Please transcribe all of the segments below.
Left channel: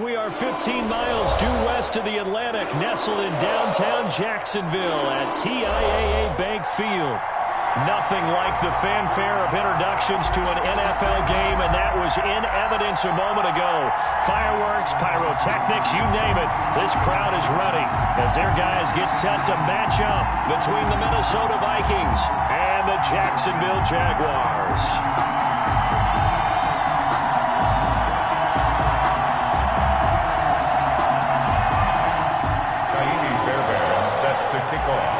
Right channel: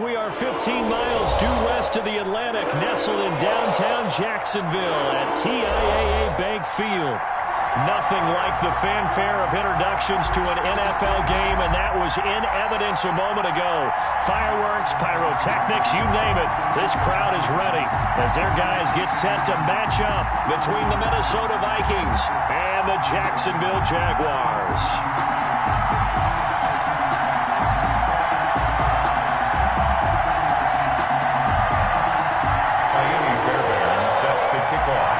We are 15 miles due west of the Atlantic, nestled in downtown Jacksonville at TIAA Bank Field. Nothing like the fanfare of introductions to an NFL game, and that was in evidence a moment ago. Fireworks, pyrotechnics, you name it. This crowd is ready as their guys get set to match up between the Minnesota Vikings and the Jacksonville Jaguars. Set to kick off.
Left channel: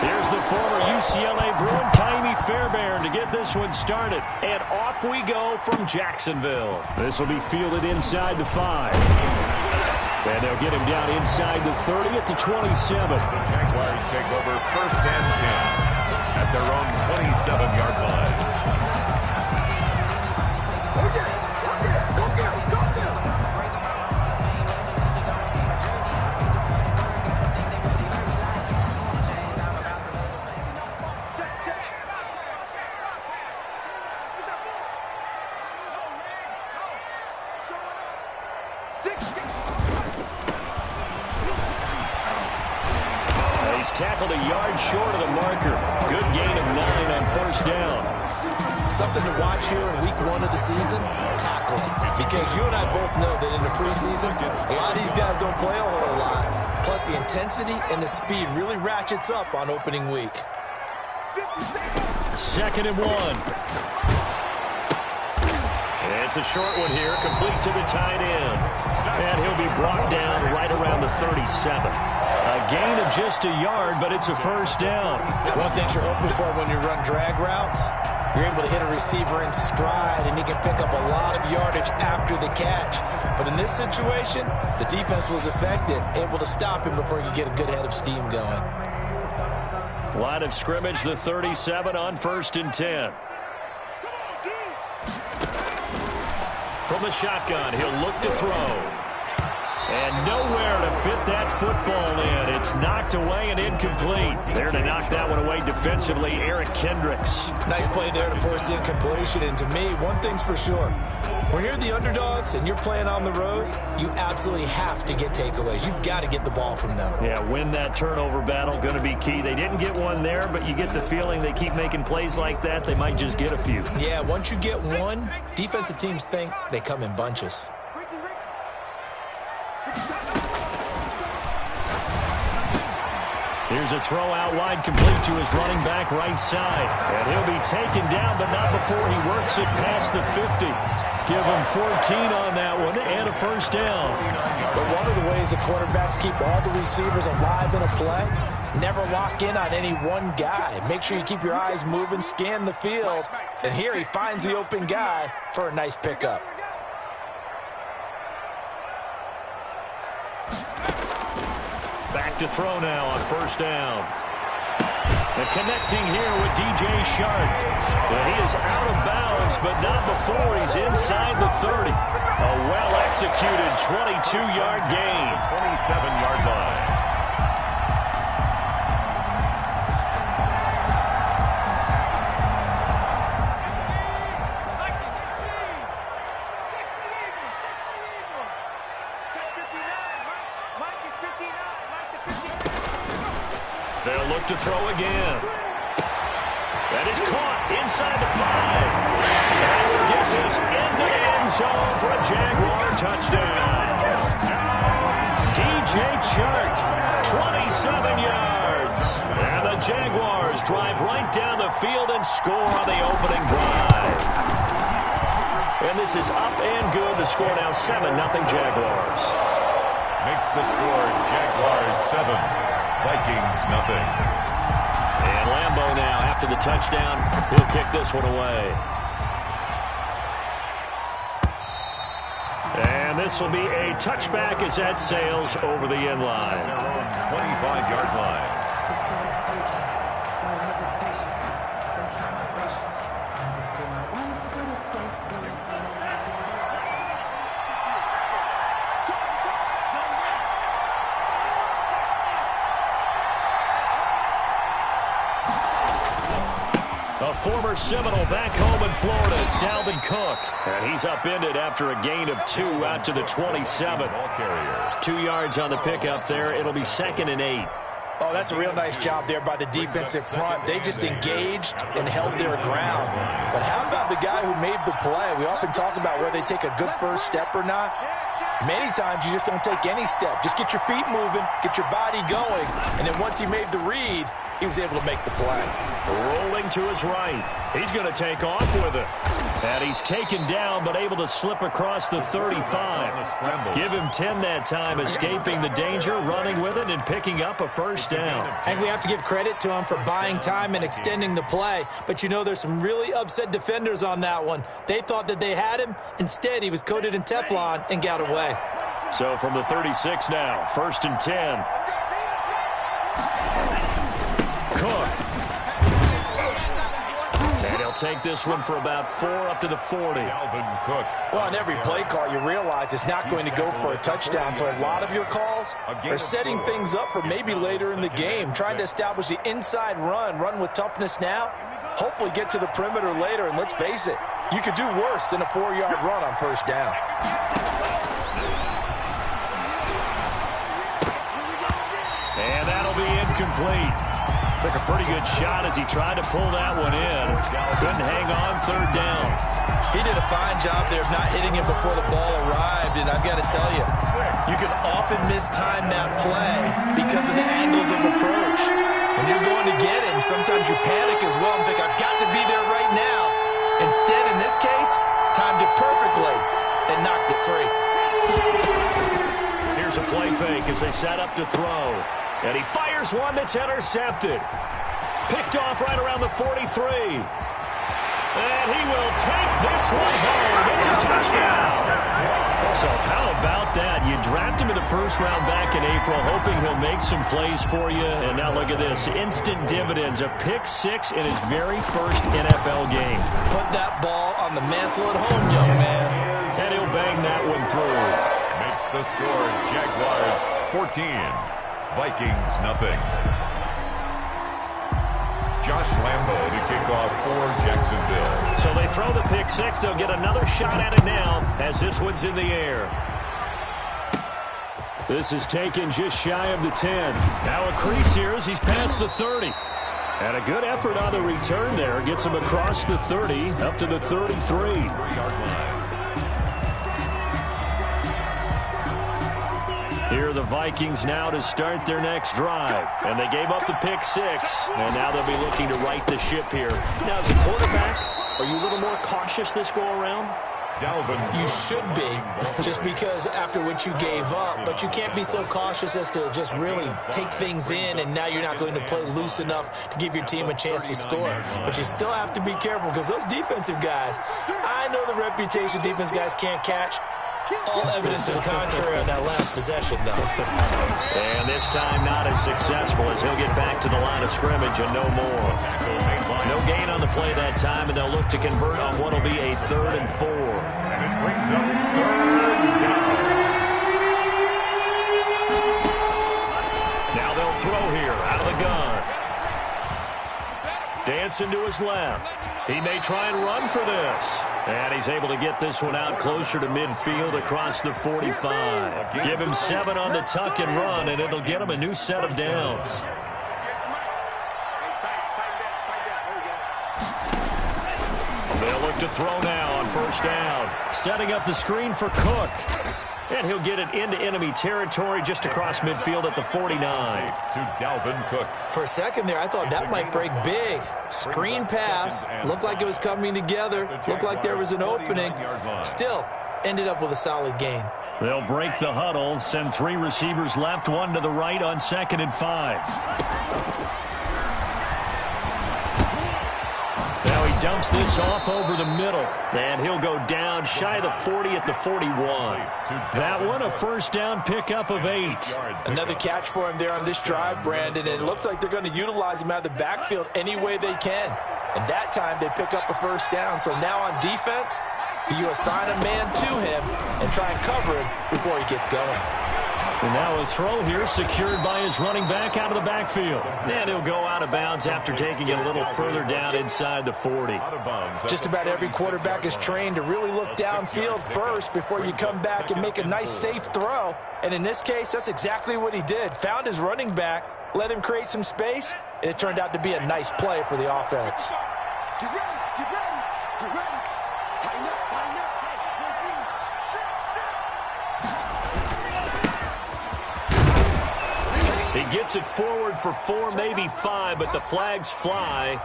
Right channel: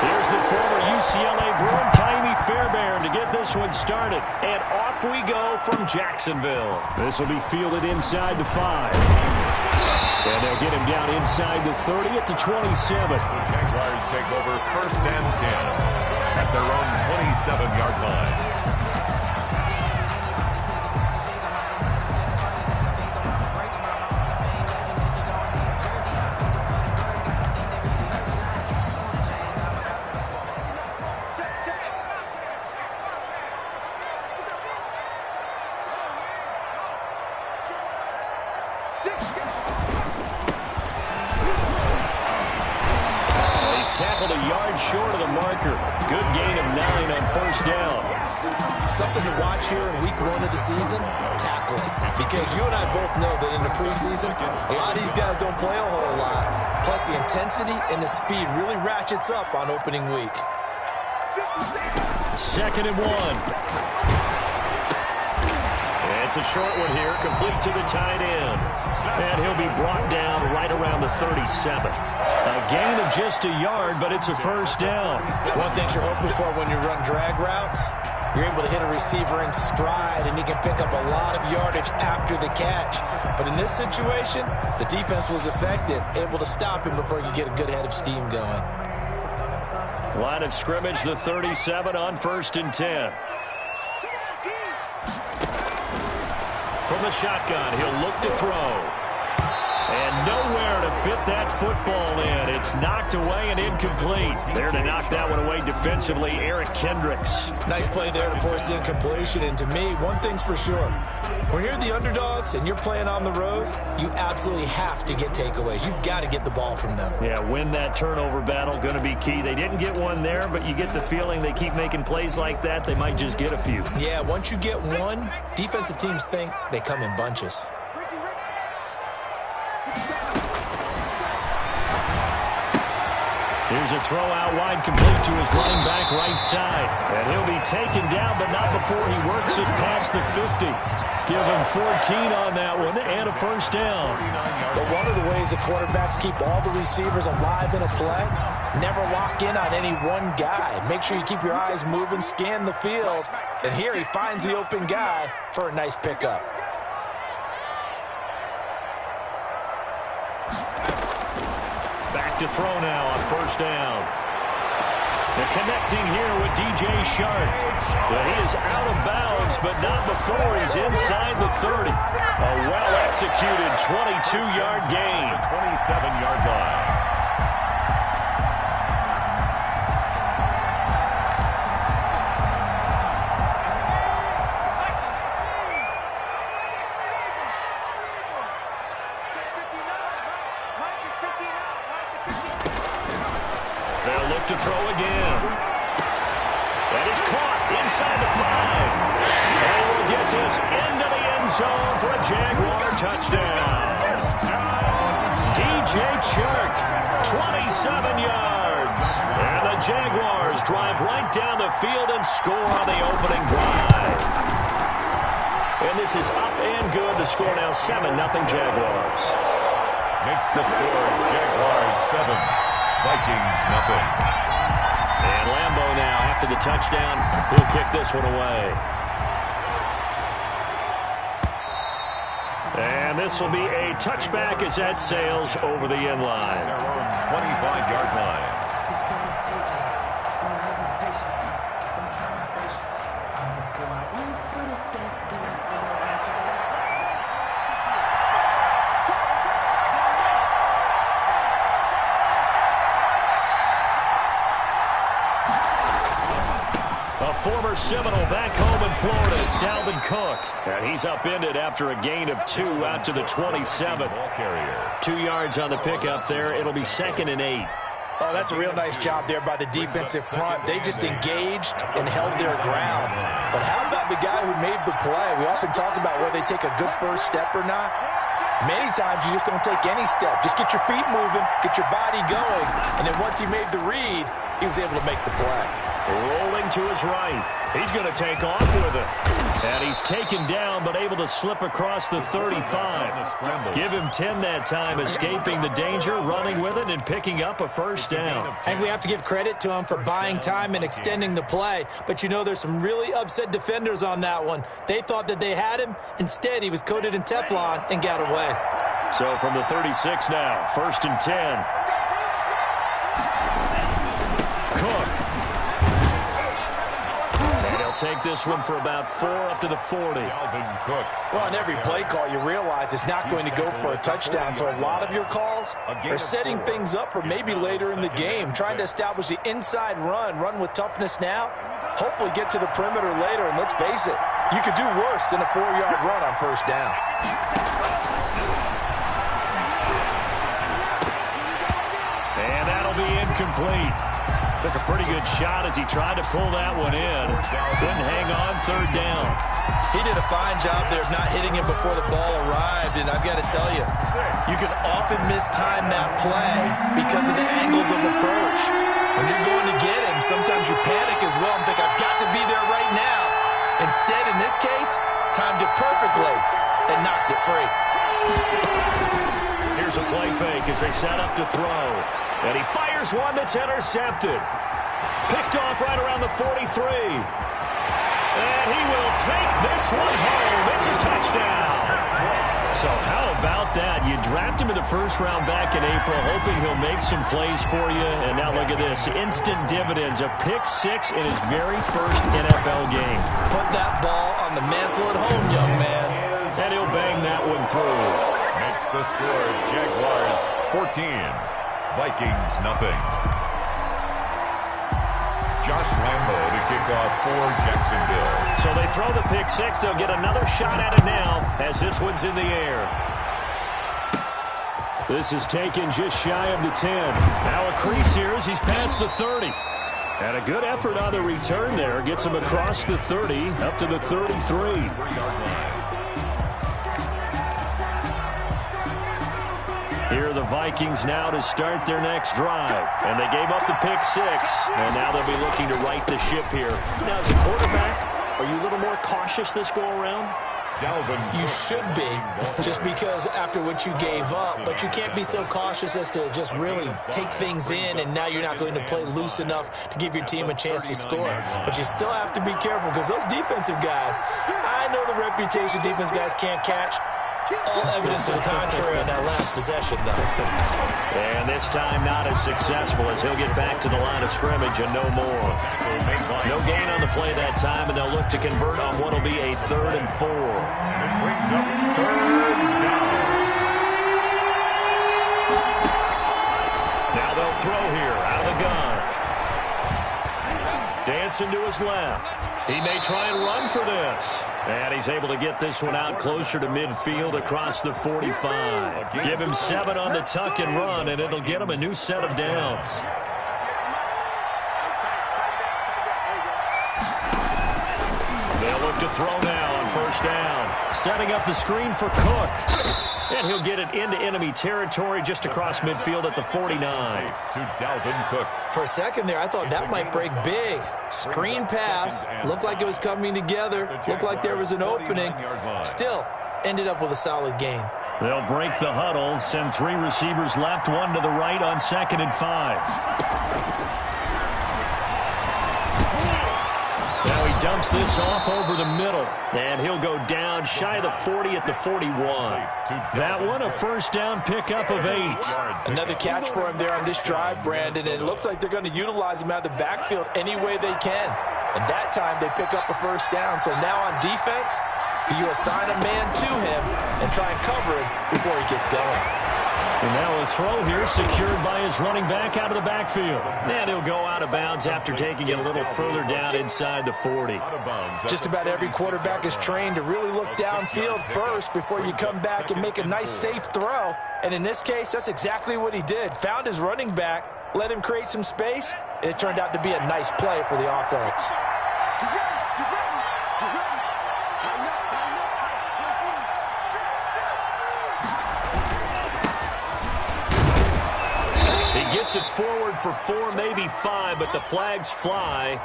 Here's the former UCLA Bruin, Kaimi Fairbairn, to get this one started. And off we go from Jacksonville. This will be fielded inside the 5. And they'll get him down inside the 30 at the 27. The Jaguars take over 1st and 10 at their own 27-yard line. Tackled a yard short of the marker. Good gain of 9 on 1st down. Something to watch here in week 1 of the season, tackling. Because you and I both know that in the preseason, a lot of these guys don't play a whole lot. Plus the intensity and the speed really ratchets up on opening week. 2nd and 1. It's a short one here, complete to the tight end. And he'll be brought down right around the 37. A gain of just a yard, but it's a 1st down. One thing you're hoping for when you run drag routes, you're able to hit a receiver in stride, and he can pick up a lot of yardage after the catch. But in this situation, the defense was effective, able to stop him before he could get a good head of steam going. Line of scrimmage, the 37 on 1st and 10. From the shotgun, he'll look to throw. And nowhere to fit that football in. It's knocked away and incomplete. There to knock that one away defensively, Eric Kendricks. Nice play there to force the incompletion. And to me, one thing's for sure. When you're the underdogs and you're playing on the road, you absolutely have to get takeaways. You've got to get the ball from them. Yeah, win that turnover battle, going to be key. They didn't get one there, but you get the feeling they keep making plays like that, they might just get a few. Yeah, once you get one, defensive teams think they come in bunches. Here's a throw out wide, complete to his running back right side. And he'll be taken down, but not before he works it past the 50. Give him 14 on that one and a 1st down. But one of the ways that quarterbacks keep all the receivers alive in a play, never lock in on any one guy. Make sure you keep your eyes moving, scan the field. And here he finds the open guy for a nice pickup. Back to throw now on 1st down. And connecting here with DJ Shark. Well, he is out of bounds, but not before he's inside the 30. A well-executed 22-yard gain. 27-yard line. They'll look to throw again. That is caught inside the 5. And he will get this into the end zone for a Jaguar touchdown. DJ Chark, 27 yards. And the Jaguars drive right down the field and score on the opening drive. And this is up and good. The score now 7-0 Jaguars. Makes the score Jaguars 7. Vikings nothing. And Lambeau now, after the touchdown, he'll kick this one away. And this will be a touchback as that sails over the end line. Their own 25-yard line. No hesitation. Don't try my patience. I'm gonna go out one for the sake. A former Seminole back home in Florida. It's Dalvin Cook. And he's upended after a gain of 2 out to the 27. 2 yards on the pickup there. It'll be 2nd and 8. Oh, that's a real nice job there by the defensive front. They just engaged and held their ground. But how about the guy who made the play? We often talk about whether they take a good first step or not. Many times you just don't take any step. Just get your feet moving, get your body going, and then once he made the read, he was able to make the play. Rolling to his right. He's going to take off with it. And he's taken down, but able to slip across the 35. Give him 10 that time, escaping the danger, running with it, and picking up a first down. I think we have to give credit to him for buying time and extending the play. But you know, there's some really upset defenders on that one. They thought that they had him. Instead, he was coated in Teflon and got away. So from the 36 now, 1st and 10. Cook. And he'll take this one for about 4 up to the 40. Well, on every play call, you realize it's not going to go for a touchdown. So a lot of your calls are setting things up for maybe later in the game, trying to establish the inside run with toughness now, hopefully get to the perimeter later. And let's face it, you could do worse than a 4-yard run on first down. And that'll be incomplete. Took a pretty good shot as he tried to pull that one in. Couldn't hang on 3rd down. He did a fine job there of not hitting him before the ball arrived, and I've got to tell you, you can often mistime that play because of the angles of approach. When you're going to get him, sometimes you panic as well and think, I've got to be there right now. Instead, in this case, timed it perfectly and knocked it free. Here's a play fake as they set up to throw. And he fires one that's intercepted. Picked off right around the 43. And he will take this one home. It's a touchdown. So how about that? You draft him in the 1st round back in April, hoping he'll make some plays for you. And now look at this. Instant dividends. A pick 6 in his very first NFL game. Put that ball on the mantle at home, young man. And he'll bang that one through. Makes the score Jaguars 14. Vikings nothing. Josh Lambo to kick off for Jacksonville. So they throw the pick 6. They'll get another shot at it now as this one's in the air. This is taken just shy of the 10. Now a crease here as he's past the 30. And a good effort on the return there. Gets him across the 30 up to the 33. 3-yard line. Here are the Vikings now to start their next drive. And they gave up the pick 6. And now they'll be looking to right the ship here. Now, as a quarterback, are you a little more cautious this go-around? You should be, just because after what you gave up. But you can't be so cautious as to just really take things in, and now you're not going to play loose enough to give your team a chance to score. But you still have to be careful because those defensive guys, I know the reputation defense guys can't catch. All evidence to the contrary on that last possession, though. And this time not as successful as he'll get back to the line of scrimmage and no more. No gain on the play that time, and they'll look to convert on what will be a 3rd and 4. And it brings up 3rd down. Now they'll throw here out of the gun. Dancing to his left. He may try and run for this. And he's able to get this one out closer to midfield across the 45. Give him 7 on the tuck and run, and it'll get him a new set of downs. They'll look to throw now on 1st down. Setting up the screen for Cook. And he'll get it into enemy territory just across midfield at the 49. To Dalvin Cook. For a second there, I thought that might break big. Screen pass. Looked like it was coming together. Looked like there was an opening. Still, ended up with a solid gain. They'll break the huddle, send 3 receivers left, 1 to the right on 2nd and 5. Now he dumps this off over the middle, and he'll go down shy of the 40 at the 41. That one a 1st down pickup of 8. Another catch for him there on this drive, Brandon, and it looks like they're going to utilize him out of the backfield any way they can. And that time they pick up a 1st down. So now on defense, you assign a man to him and try and cover him before he gets going. And now a throw here secured by his running back out of the backfield. And he'll go out of bounds after taking it a little further down inside the 40. Just about every quarterback is trained to really look downfield first before you come back and make a nice safe throw. And in this case, that's exactly what he did. Found his running back, let him create some space, and it turned out to be a nice play for the offense. Get ready, get ready, get ready. Tighten up, tighten up. He gets it forward for 4, maybe 5, but the flags fly.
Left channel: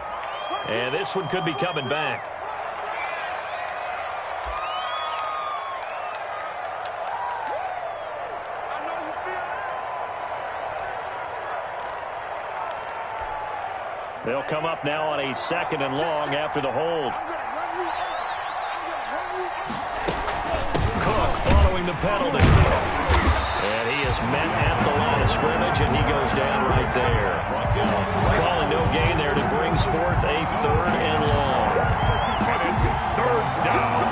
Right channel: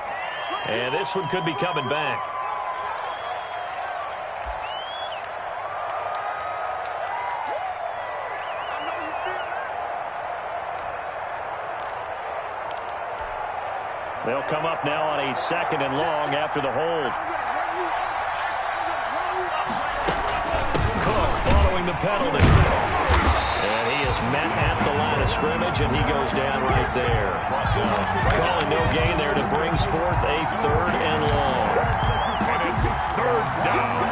And this one could be coming back. I know you feel that. They'll come up now on a 2nd and long after the hold. Cook following the penalty. And he is met at the line of scrimmage, and he goes down right there. Calling no gain there. It brings forth a 3rd and long. And it's 3rd down.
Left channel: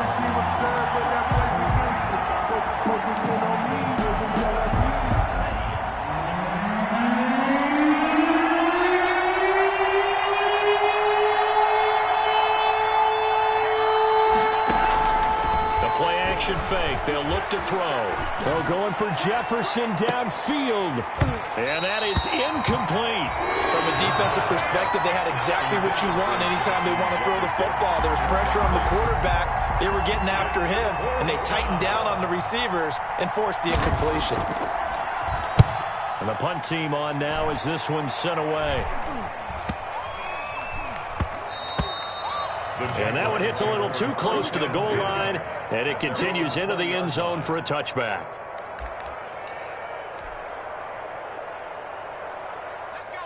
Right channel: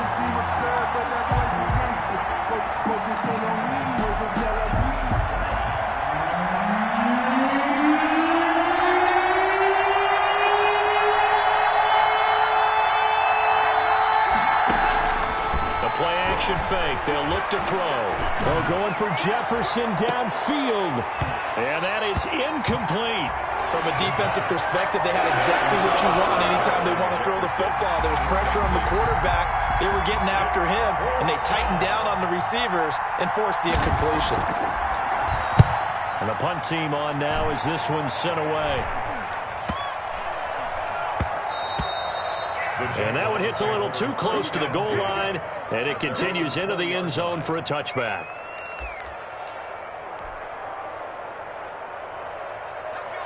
Play-action fake. They'll look to throw. Oh, going for Jefferson downfield. And that is incomplete. From a defensive perspective, they had exactly what you want anytime they want to throw the football. There was pressure on the quarterback. They were getting after him, and they tightened down on the receivers and forced the incompletion. And the punt team on now as this one's sent away. And that one hits a little too close to the goal line, and it continues into the end zone for a touchback.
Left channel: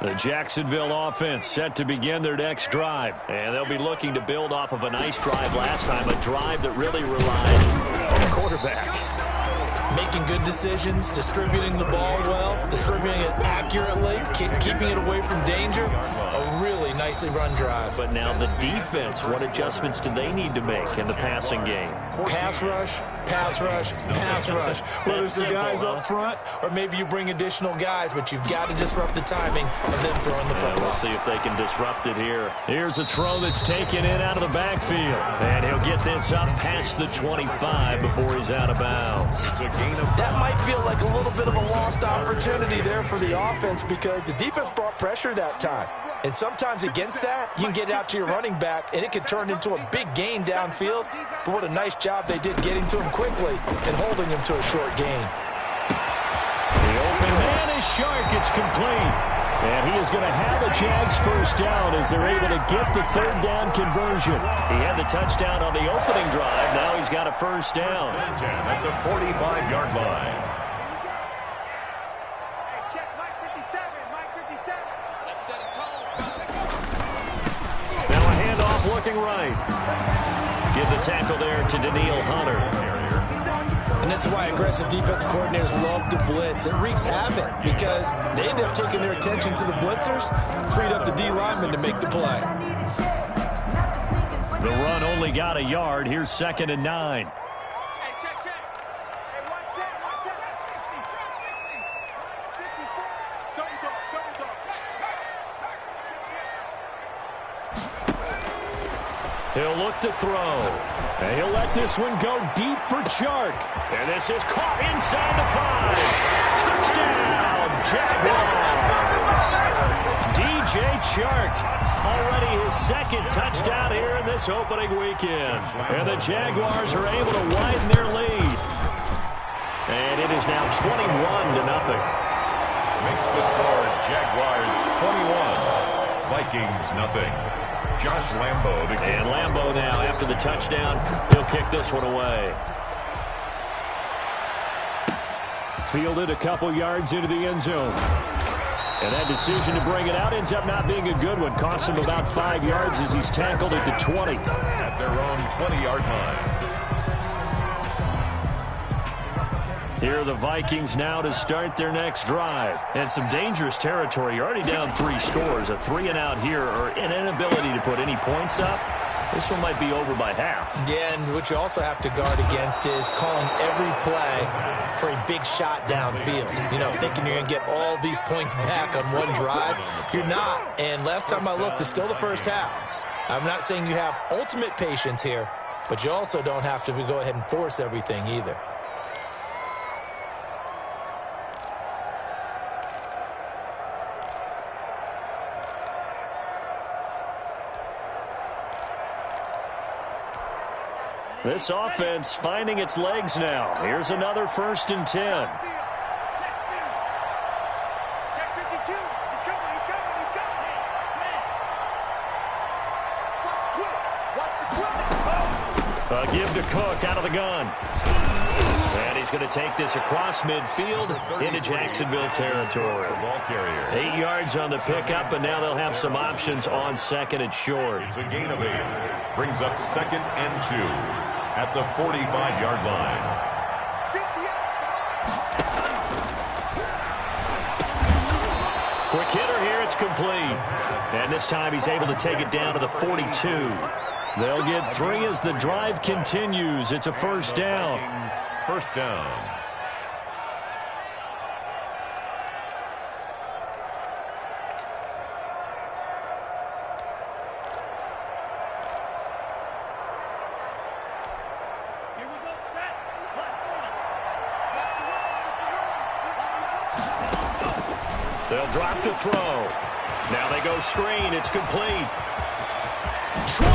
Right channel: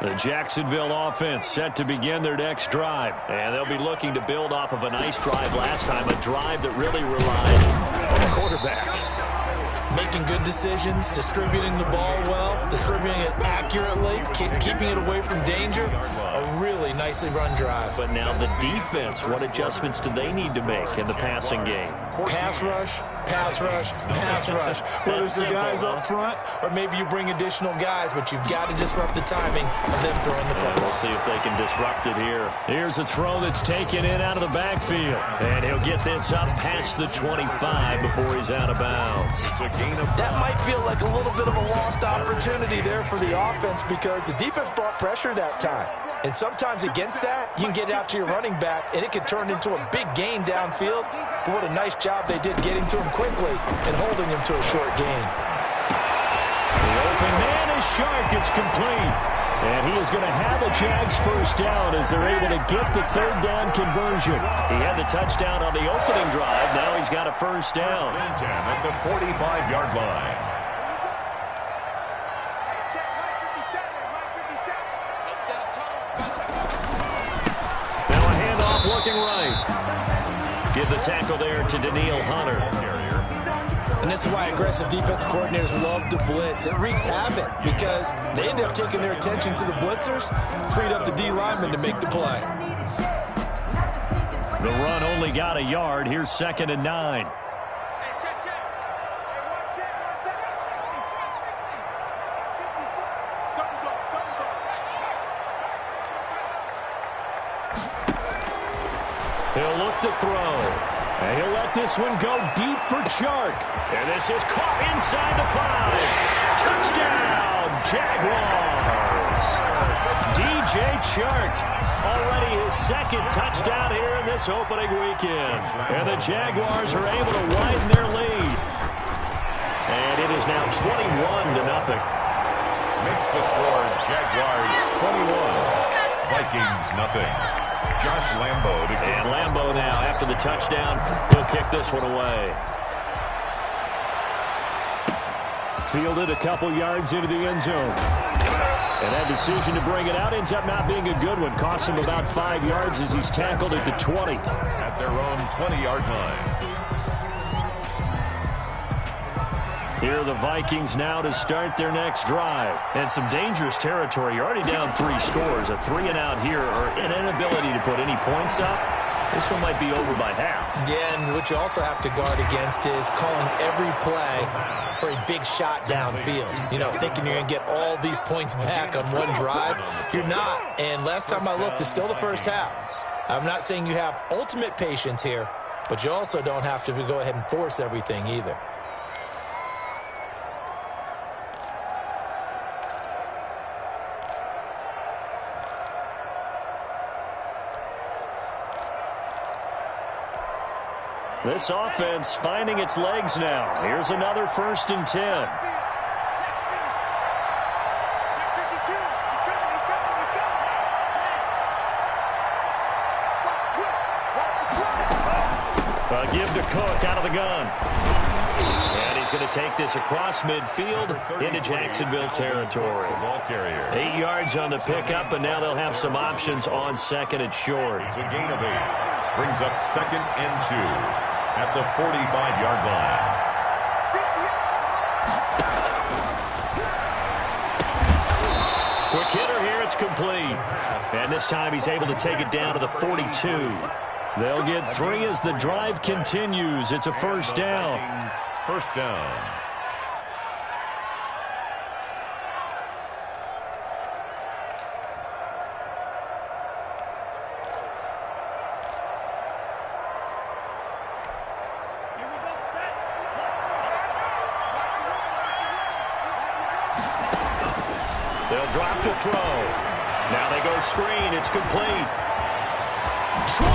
The Jacksonville offense set to begin their next drive, and they'll be looking to build off of a nice drive last time, a drive that really relied on the quarterback. Making good decisions, distributing the ball well, distributing it accurately, keeping it away from danger. A really nicely run drive. But now the defense, what adjustments do they need to make in the passing game? Pass rush, pass rush, pass rush. Whether it's the guys up front or maybe you bring additional guys, but you've got to disrupt the timing of them throwing the football. We'll see if they can disrupt it here. Here's a throw that's taken in out of the backfield. And he'll get this up past the 25 before he's out of bounds. That might feel like a little bit of a lost opportunity there for the offense because the defense brought pressure that time. And sometimes against that, you can get it out to your running back, and it can turn into a big gain downfield. But what a nice job they did getting to him quickly and holding him to a short gain. The open man is Shark. It's complete. And he is going to have a Jags first down as they're able to get the 3rd down conversion. He had the touchdown on the opening drive. Now he's got a first down. 10 at the 45-yard line. Hey, check Mike 57, Mike 57. Let's set a tone. Now a handoff looking right. Give the tackle there to Daniil Hunter. And this is why aggressive defense coordinators love to blitz. It wreaks havoc because they end up taking their attention to the blitzers, freed up the D lineman to make the play. The run only got a yard. Here's 2nd and 9. Hey, check, check. Hey, one set. Trap 60. 54. Double dog. He'll look to throw. And he'll let this one go deep for Chark. And this is caught inside the 5. Touchdown, Jaguars. DJ Chark, already his 2nd touchdown here in this opening weekend. And the Jaguars are able to widen their lead. And it is now 21-0. Makes the score Jaguars 21, Vikings nothing. Josh Lambo. And Lambo now, after the touchdown, he'll kick this one away. Fielded a couple yards into the end zone. And that decision to bring it out ends up not being a good one. Costs him about 5 yards as he's tackled at the 20. At their own 20-yard line. Here are the Vikings now to start their next drive. And some dangerous territory. You're already down 3 scores. A 3-and-out here or an inability to put any points up This one might be over by half. Yeah, and what you also have to guard against is calling every play for a big shot downfield. You know, thinking you're going to get all these points back on one drive. You're not. And last time I looked, it's still the first half. I'm not saying you have ultimate patience here, but you also don't have to go ahead and force everything either. This offense finding its legs now. Here's another 1st and 10. Check 52. He's coming. Watch the twist. Give to Cook out of the gun. And he's going to take this across midfield into Jacksonville territory. 8 yards on the pickup, and now they'll have some options on 2nd and short. It's a gain of 8. Brings up 2nd and 2 at the 45-yard line. Quick hitter here, it's complete. And this time he's able to take it down to the 42. They'll get 3 as the drive continues. It's a 1st down. First down. They'll drop to throw. Now they go screen. It's complete. 20.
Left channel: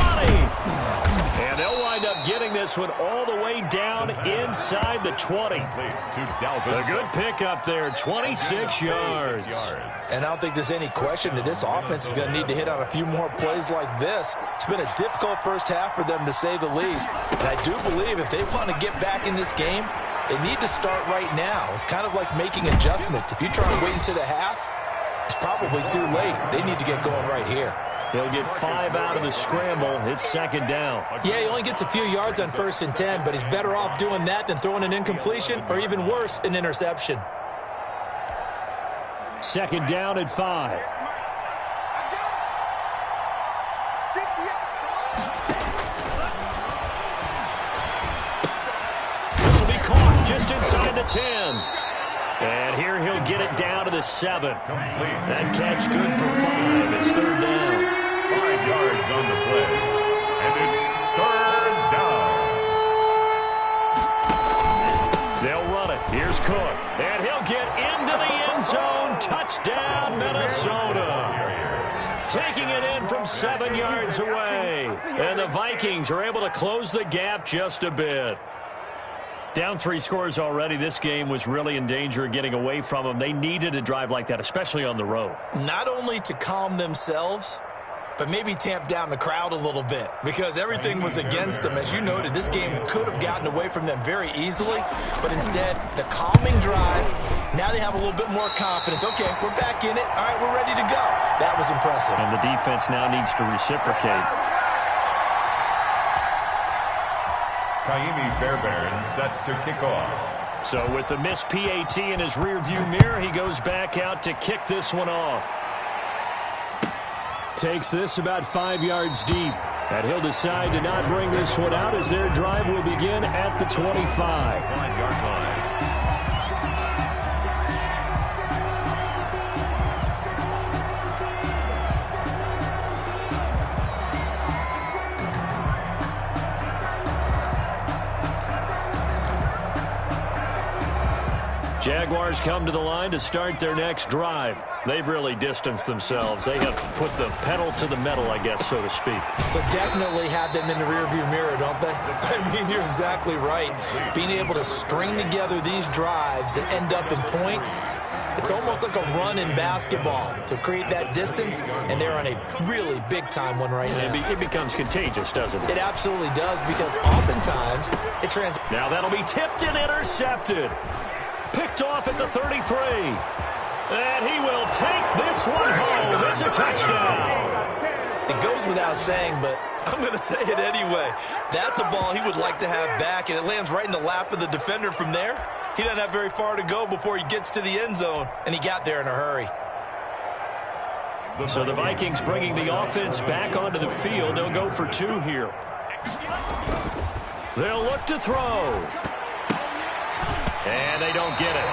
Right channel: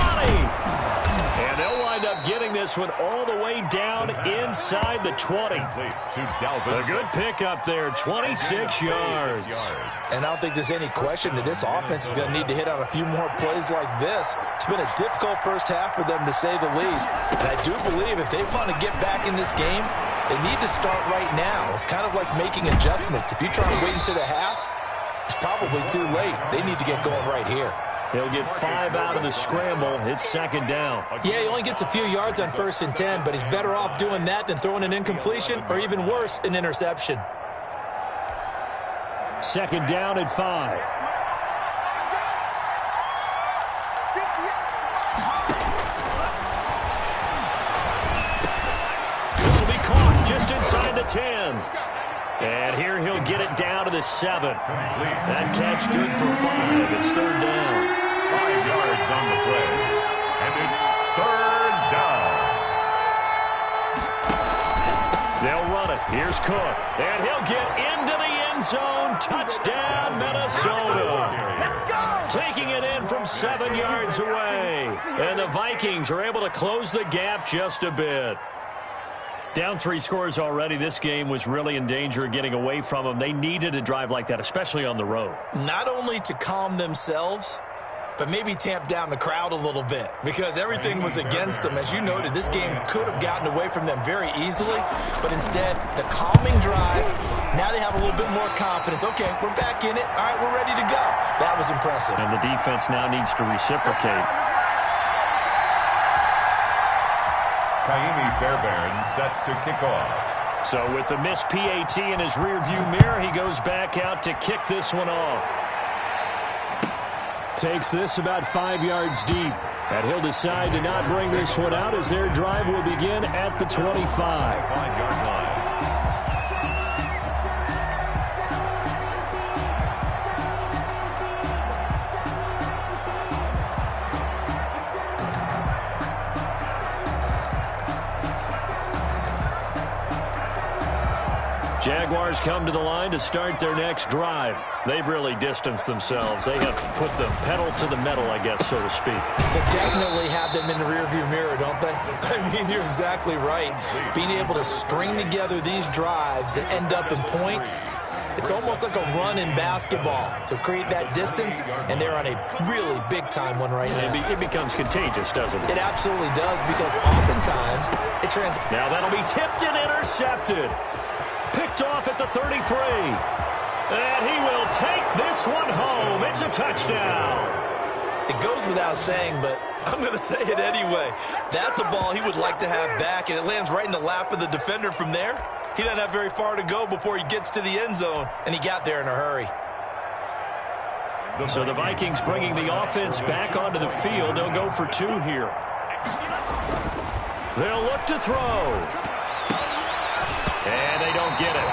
And they'll wind up getting this one all the way down inside the 20. A good pickup there, 26 yards. And I don't think there's any question that this offense is going to need to hit on a few more plays like this. It's been a difficult first half for them, to say the least. And I do believe if they want to get back in this game, they need to start right now. It's kind of like making adjustments. If you try and wait until the half, it's probably too late. They need to get going right here. He'll get 5 out of the scramble. It's 2nd down. Yeah, he only gets a few yards on 1st and 10, but he's better off doing that than throwing an incompletion or even worse, an interception. 2nd down at 5. This will be caught just inside the 10. And here he'll get it down to the 7. That catch good for 5. It's 3rd down. 5 yards on the play. And it's 3rd down. They'll run it. Here's Cook. And he'll get into the end zone. Touchdown, Minnesota. Taking it in from 7 yards away. And the Vikings are able to close the gap just a bit. Down 3 scores already. This game was really in danger of getting away from them. They needed a drive like that, especially on the road. Not only to calm themselves, but maybe tamp down the crowd a little bit, because everything was against them. As you noted, this game could have gotten away from them very easily, but instead, the calming drive, now they have a little bit more confidence. Okay, we're back in it. All right, we're ready to go. That was impressive. And the defense now needs to reciprocate. Kaimi Fairbairn set to kick off. So with the missed PAT in his rearview mirror, he goes back out to kick this one off. Takes this about 5 yards deep. And he'll decide to not bring this one out as their drive will begin at the 25. 5-yard line. Jaguars come to the line to start their next drive. They've really distanced themselves. They have put the pedal to the metal, I guess, so to speak. So definitely have them in the rearview mirror, don't they? I mean, you're exactly right. Being able to string together these drives that end up in points, it's almost like a run in basketball to create that distance, and they're on a really big-time one right now. It becomes contagious, doesn't it? It absolutely does, because oftentimes it translates. Now that'll be tipped and intercepted. Picked off at the 33. And he will take this one home. It's a touchdown. It goes without saying, but I'm going to say it anyway. That's a ball he would like to have back, and it lands right in the lap of the defender from there. He doesn't have very far to go before he gets to the end zone, and he got there in a hurry. So the Vikings bringing the offense back onto the field. They'll go for 2 here. They'll look to throw. And they don't get it.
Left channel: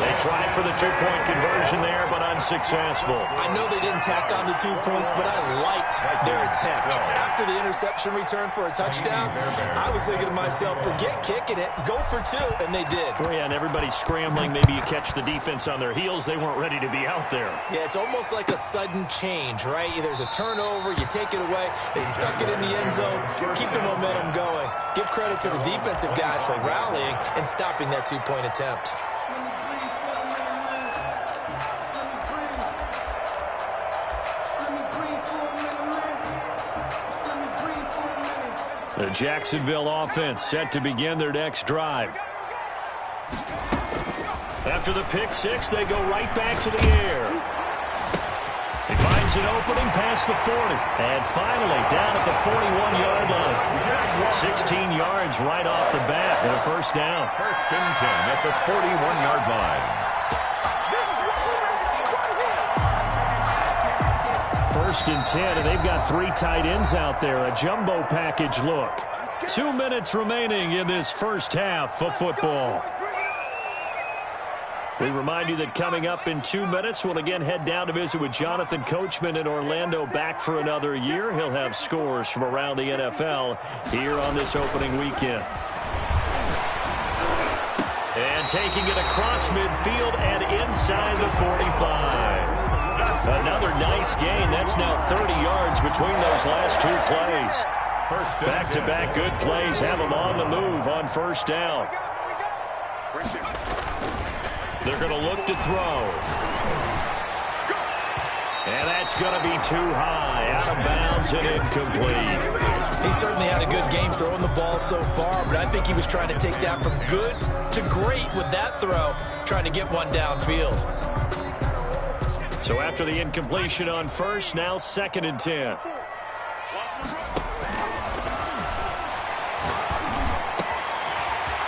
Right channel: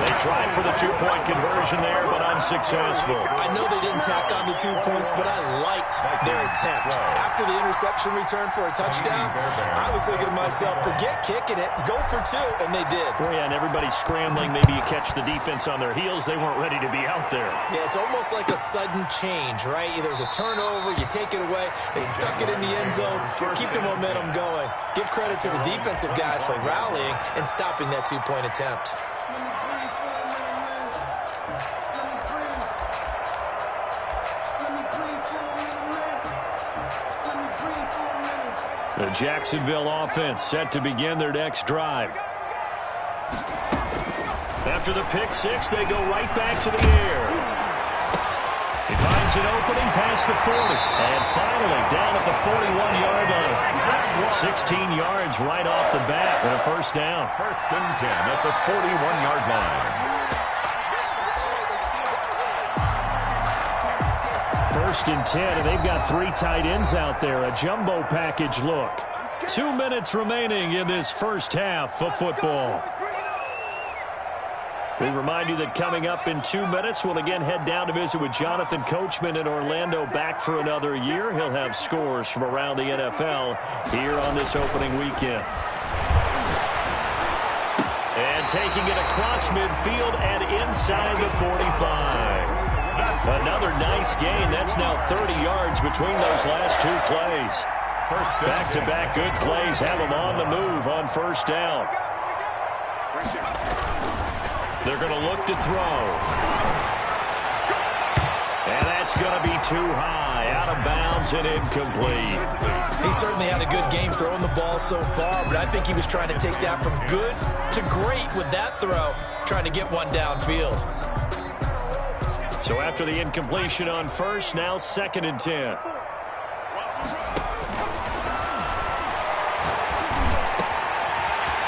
They tried for the 2-point conversion there, but unsuccessful. I know they didn't tack on the 2 points, but I liked their attempt. After the interception return for a touchdown, I was thinking to myself, forget kicking it, go for 2, and they did. Well, yeah, and everybody's scrambling. Maybe you catch the defense on their heels. They weren't ready to be out there. Yeah, it's almost like a sudden change, right? There's a turnover, you take it away, they stuck it in the end zone, keep the momentum going. Give credit to the defensive guys for rallying and stopping that 2-point attempt. The Jacksonville offense set to begin their next drive. After the pick 6, they go right back to the air. He finds an opening past the 40. And finally, down at the 41-yard line. 16 yards right off the bat and a first down. 1st and 10 at the 41-yard line. 1st and 10, and they've got 3 tight ends out there. A jumbo package look. 2 minutes remaining in this first half of football. We remind you that coming up in 2 minutes, we'll again head down to visit with Jonathan Coachman in Orlando, back for another year. He'll have scores from around the NFL here on this opening weekend. And taking it across midfield and inside the 45. Another nice gain. That's now 30 yards between those last 2 plays. Back-to-back good plays have them on the move on first down. They're going to look to throw. And that's going to be too high, out of bounds and incomplete. He certainly had a good game throwing the ball so far, but I think he was trying to take that from good to great with that throw, trying to get one downfield. So after the incompletion on first, now 2nd and 10.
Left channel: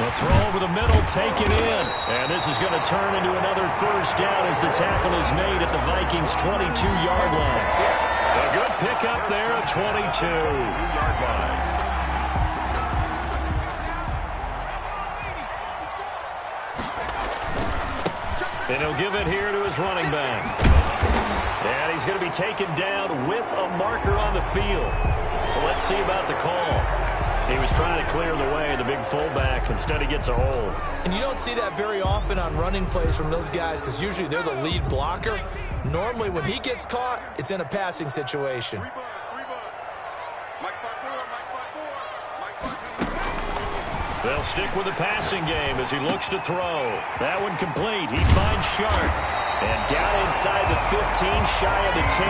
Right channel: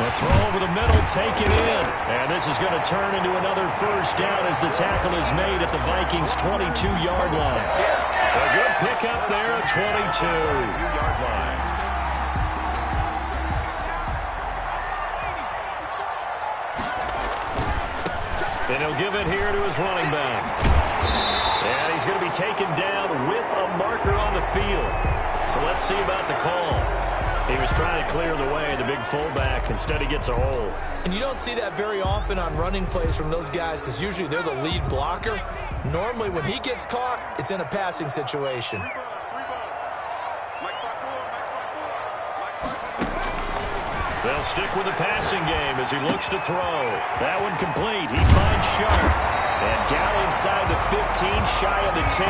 The throw over the middle, taken in. And this is going to turn into another first down as the tackle is made at the Vikings' 22-yard line. A good pickup there at 22-yard line. And he'll give it here to his running back. And he's going to be taken down with a marker on the field. So let's see about the call. He was trying to clear the way, the big fullback. Instead, he gets a hole. And you don't see that very often on running plays from those guys because usually they're the lead blocker. Normally, when he gets caught, it's in a passing situation. They'll stick with the passing game as he looks to throw. That one complete. He finds Sharp. And down inside the 15, shy of the 10.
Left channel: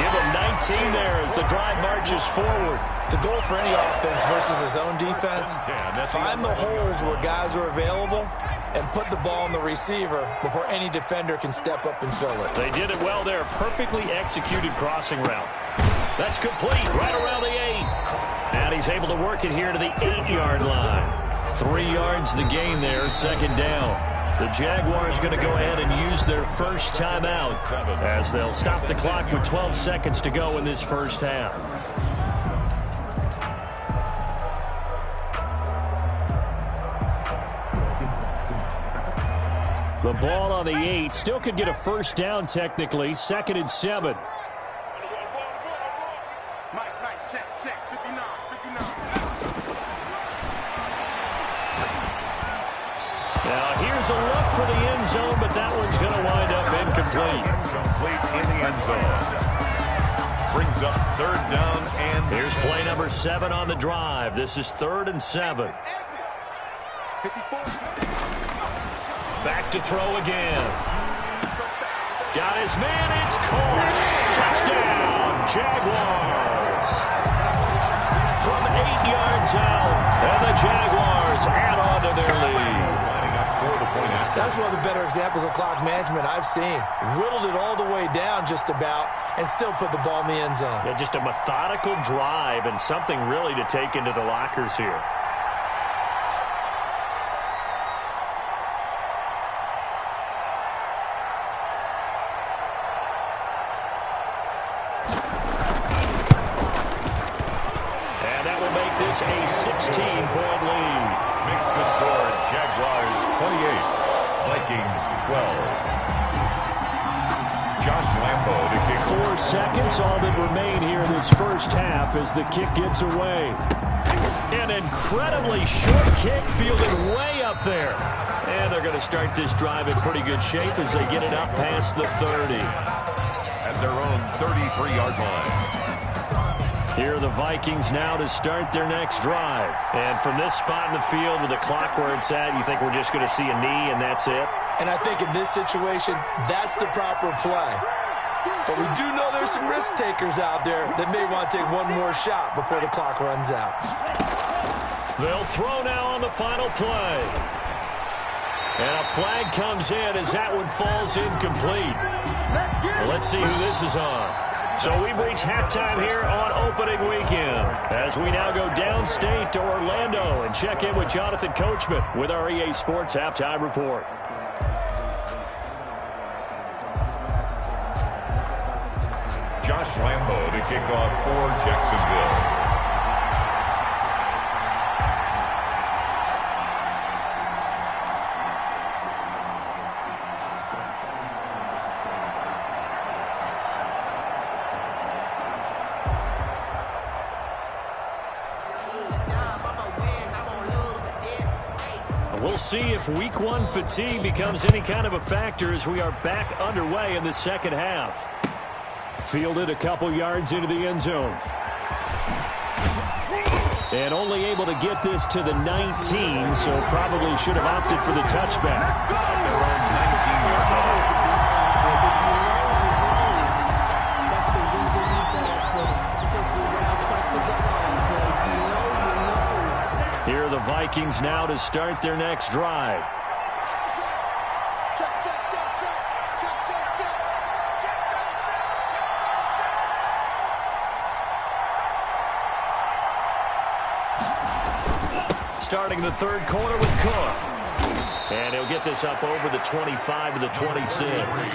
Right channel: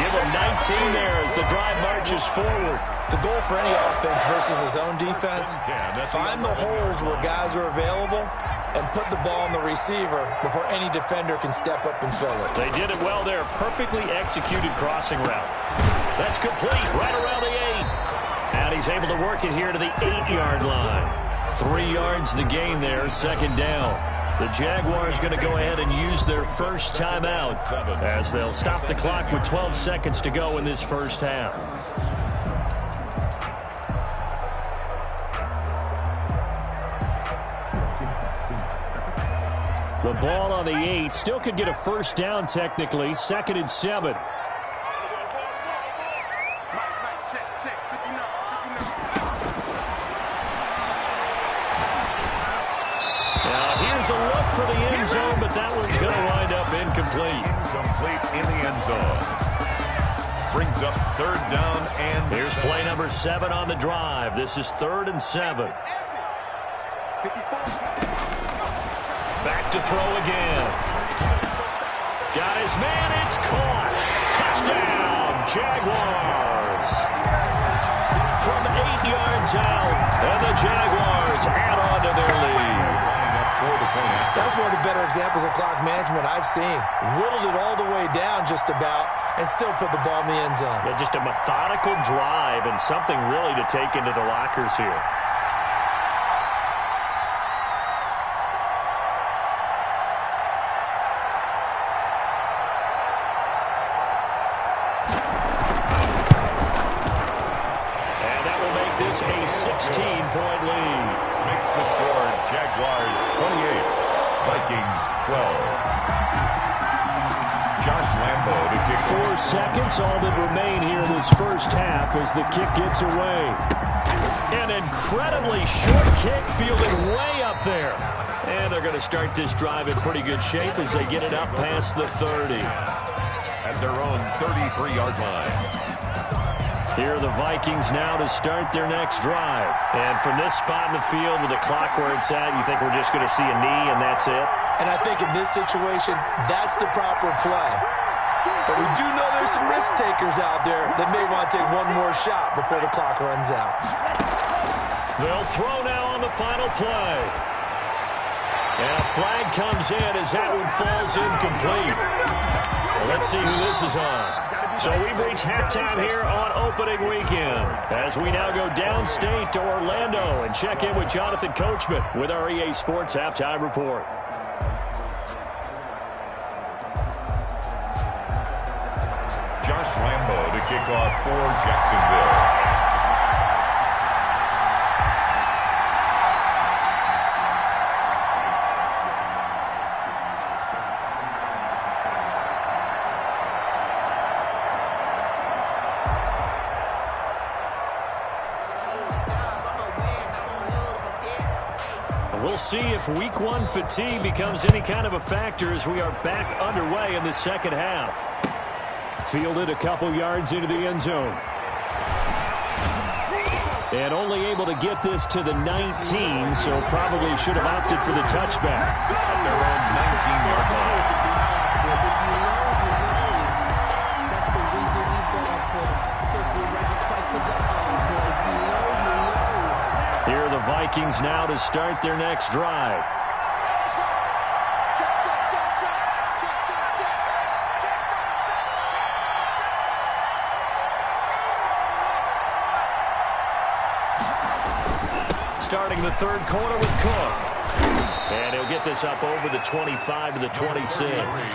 Give him 19 there as the drive marches forward. The goal for any offense versus his own defense, find the holes where guys are available and put the ball on the receiver before any defender can step up and fill it. They did it well there. Perfectly executed crossing route. That's complete right around the 8. And he's able to work it here to the 8-yard line. 3 yards the gain there, 2nd down. The Jaguars going to go ahead and use their first timeout as they'll stop the clock with 12 seconds to go in this first half. The ball on the 8. Still could get a first down technically. 2nd and 7. Now here's a look for the end zone, but that one's going to wind up incomplete. Incomplete in the end zone. Brings up 3rd down and... Here's play number 7 on the drive. This is 3rd and 7. Back to throw again. Got his man. It's caught. Touchdown, Jaguars. From 8 yards out, and the Jaguars add on to their lead. That's one of the better examples of clock management I've seen. Whittled it all the way down just about and still put the ball in the end zone. Yeah, just a methodical drive and something really to take into the lockers here. And that will make this a 16-point lead. Makes the score Jaguars 28, Vikings 12. Josh Lambo to kick. 4 seconds, all that remain here in this first half as the kick gets away. An incredibly short kick fielded way up there. And they're going to start this drive in pretty good shape as they get it up past the 30. At their own 33-yard line. Here are the Vikings now to start their next drive. And from this spot in the field with the clock where it's at, you think we're just going to see a knee and that's it? And I think in this situation, that's the proper play. But we do know there's some risk takers out there that may want to take one more shot before the clock runs out. They'll throw now on the final play. And a flag comes in as that one falls incomplete. Well, let's see who this is on. So we've reached halftime here on opening weekend as we now go downstate to Orlando and check in with Jonathan Coachman with our EA Sports Halftime Report. Josh Lambo to kick off for Jacksonville. We'll see if Week 1 fatigue becomes any kind of a factor as we are back underway in the second half. Fielded a couple yards into the end zone. And only able to get this to the 19, so probably should have opted for the touchback. At their own 19-yard line. That's the reason we ball for circle round twice for the encore. If you know, you know. Here are the Vikings now to start their next drive. Starting the third quarter with Cook. And he'll get this up over the 25 to the 26.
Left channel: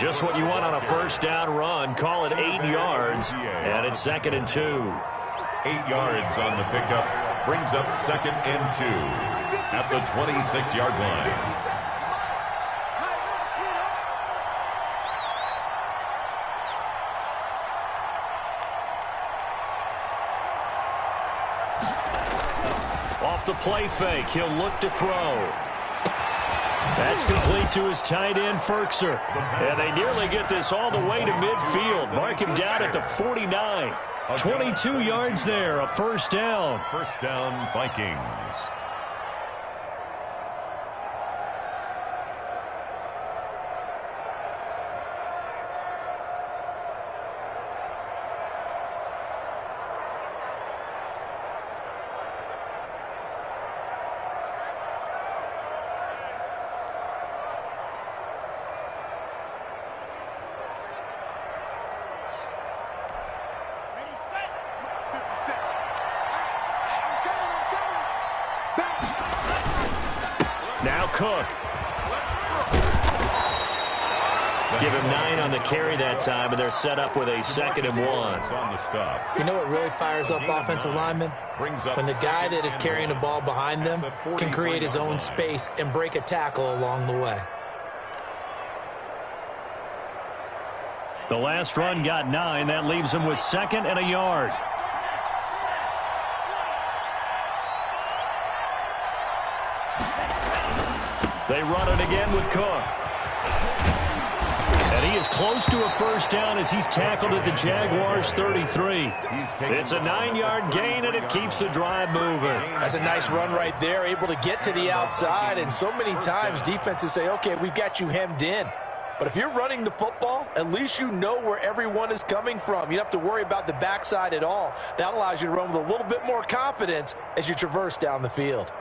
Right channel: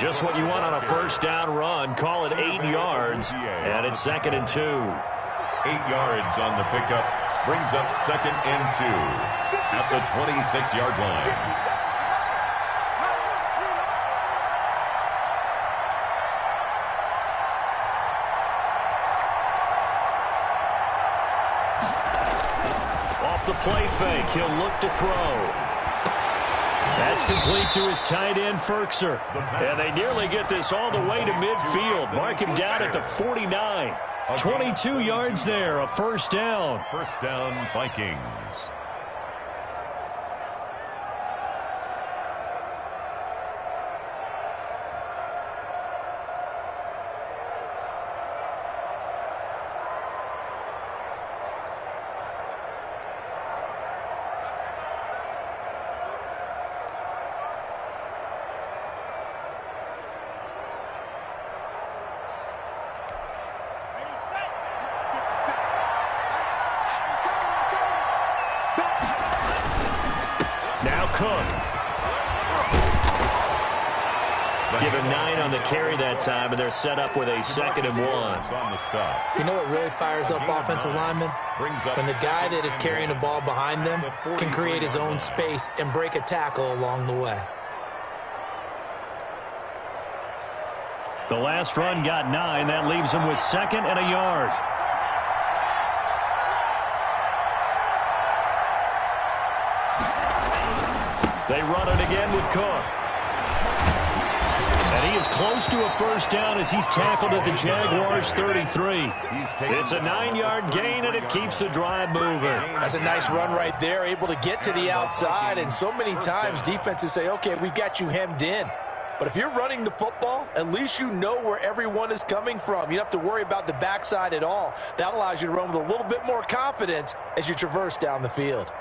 Just what you want on a first down run. Call it 8 yards. And it's 2nd and 2. 8 yards on the pickup. Brings up 2nd and 2 at the 26-yard line. Off the play fake, he'll look to throw. That's complete to his tight end, Ferkser. And they nearly get this all the way to midfield. Mark him down at the 49. 22 yards there, a first down. First down, Vikings. Now Cook. Give him 9 on the carry that time, and they're set up with a 2nd and 1. On the stop. You know what really fires up offensive linemen? When the guy that is carrying the ball behind them can create his own space and break a tackle along the way. The last run got 9. That leaves him with 2nd and a yard. They run it again with Cook. And he is close to a first down as he's tackled at the Jaguars' 33. It's a 9-yard gain, and it keeps the drive moving. That's a nice run right there, able to get to the outside. And so many times defenses say, okay, we've got you hemmed in. But if you're running the football, at least you know where everyone is coming from. You don't have to worry about the backside at all. That allows you to run with a little bit more confidence as you traverse down the field.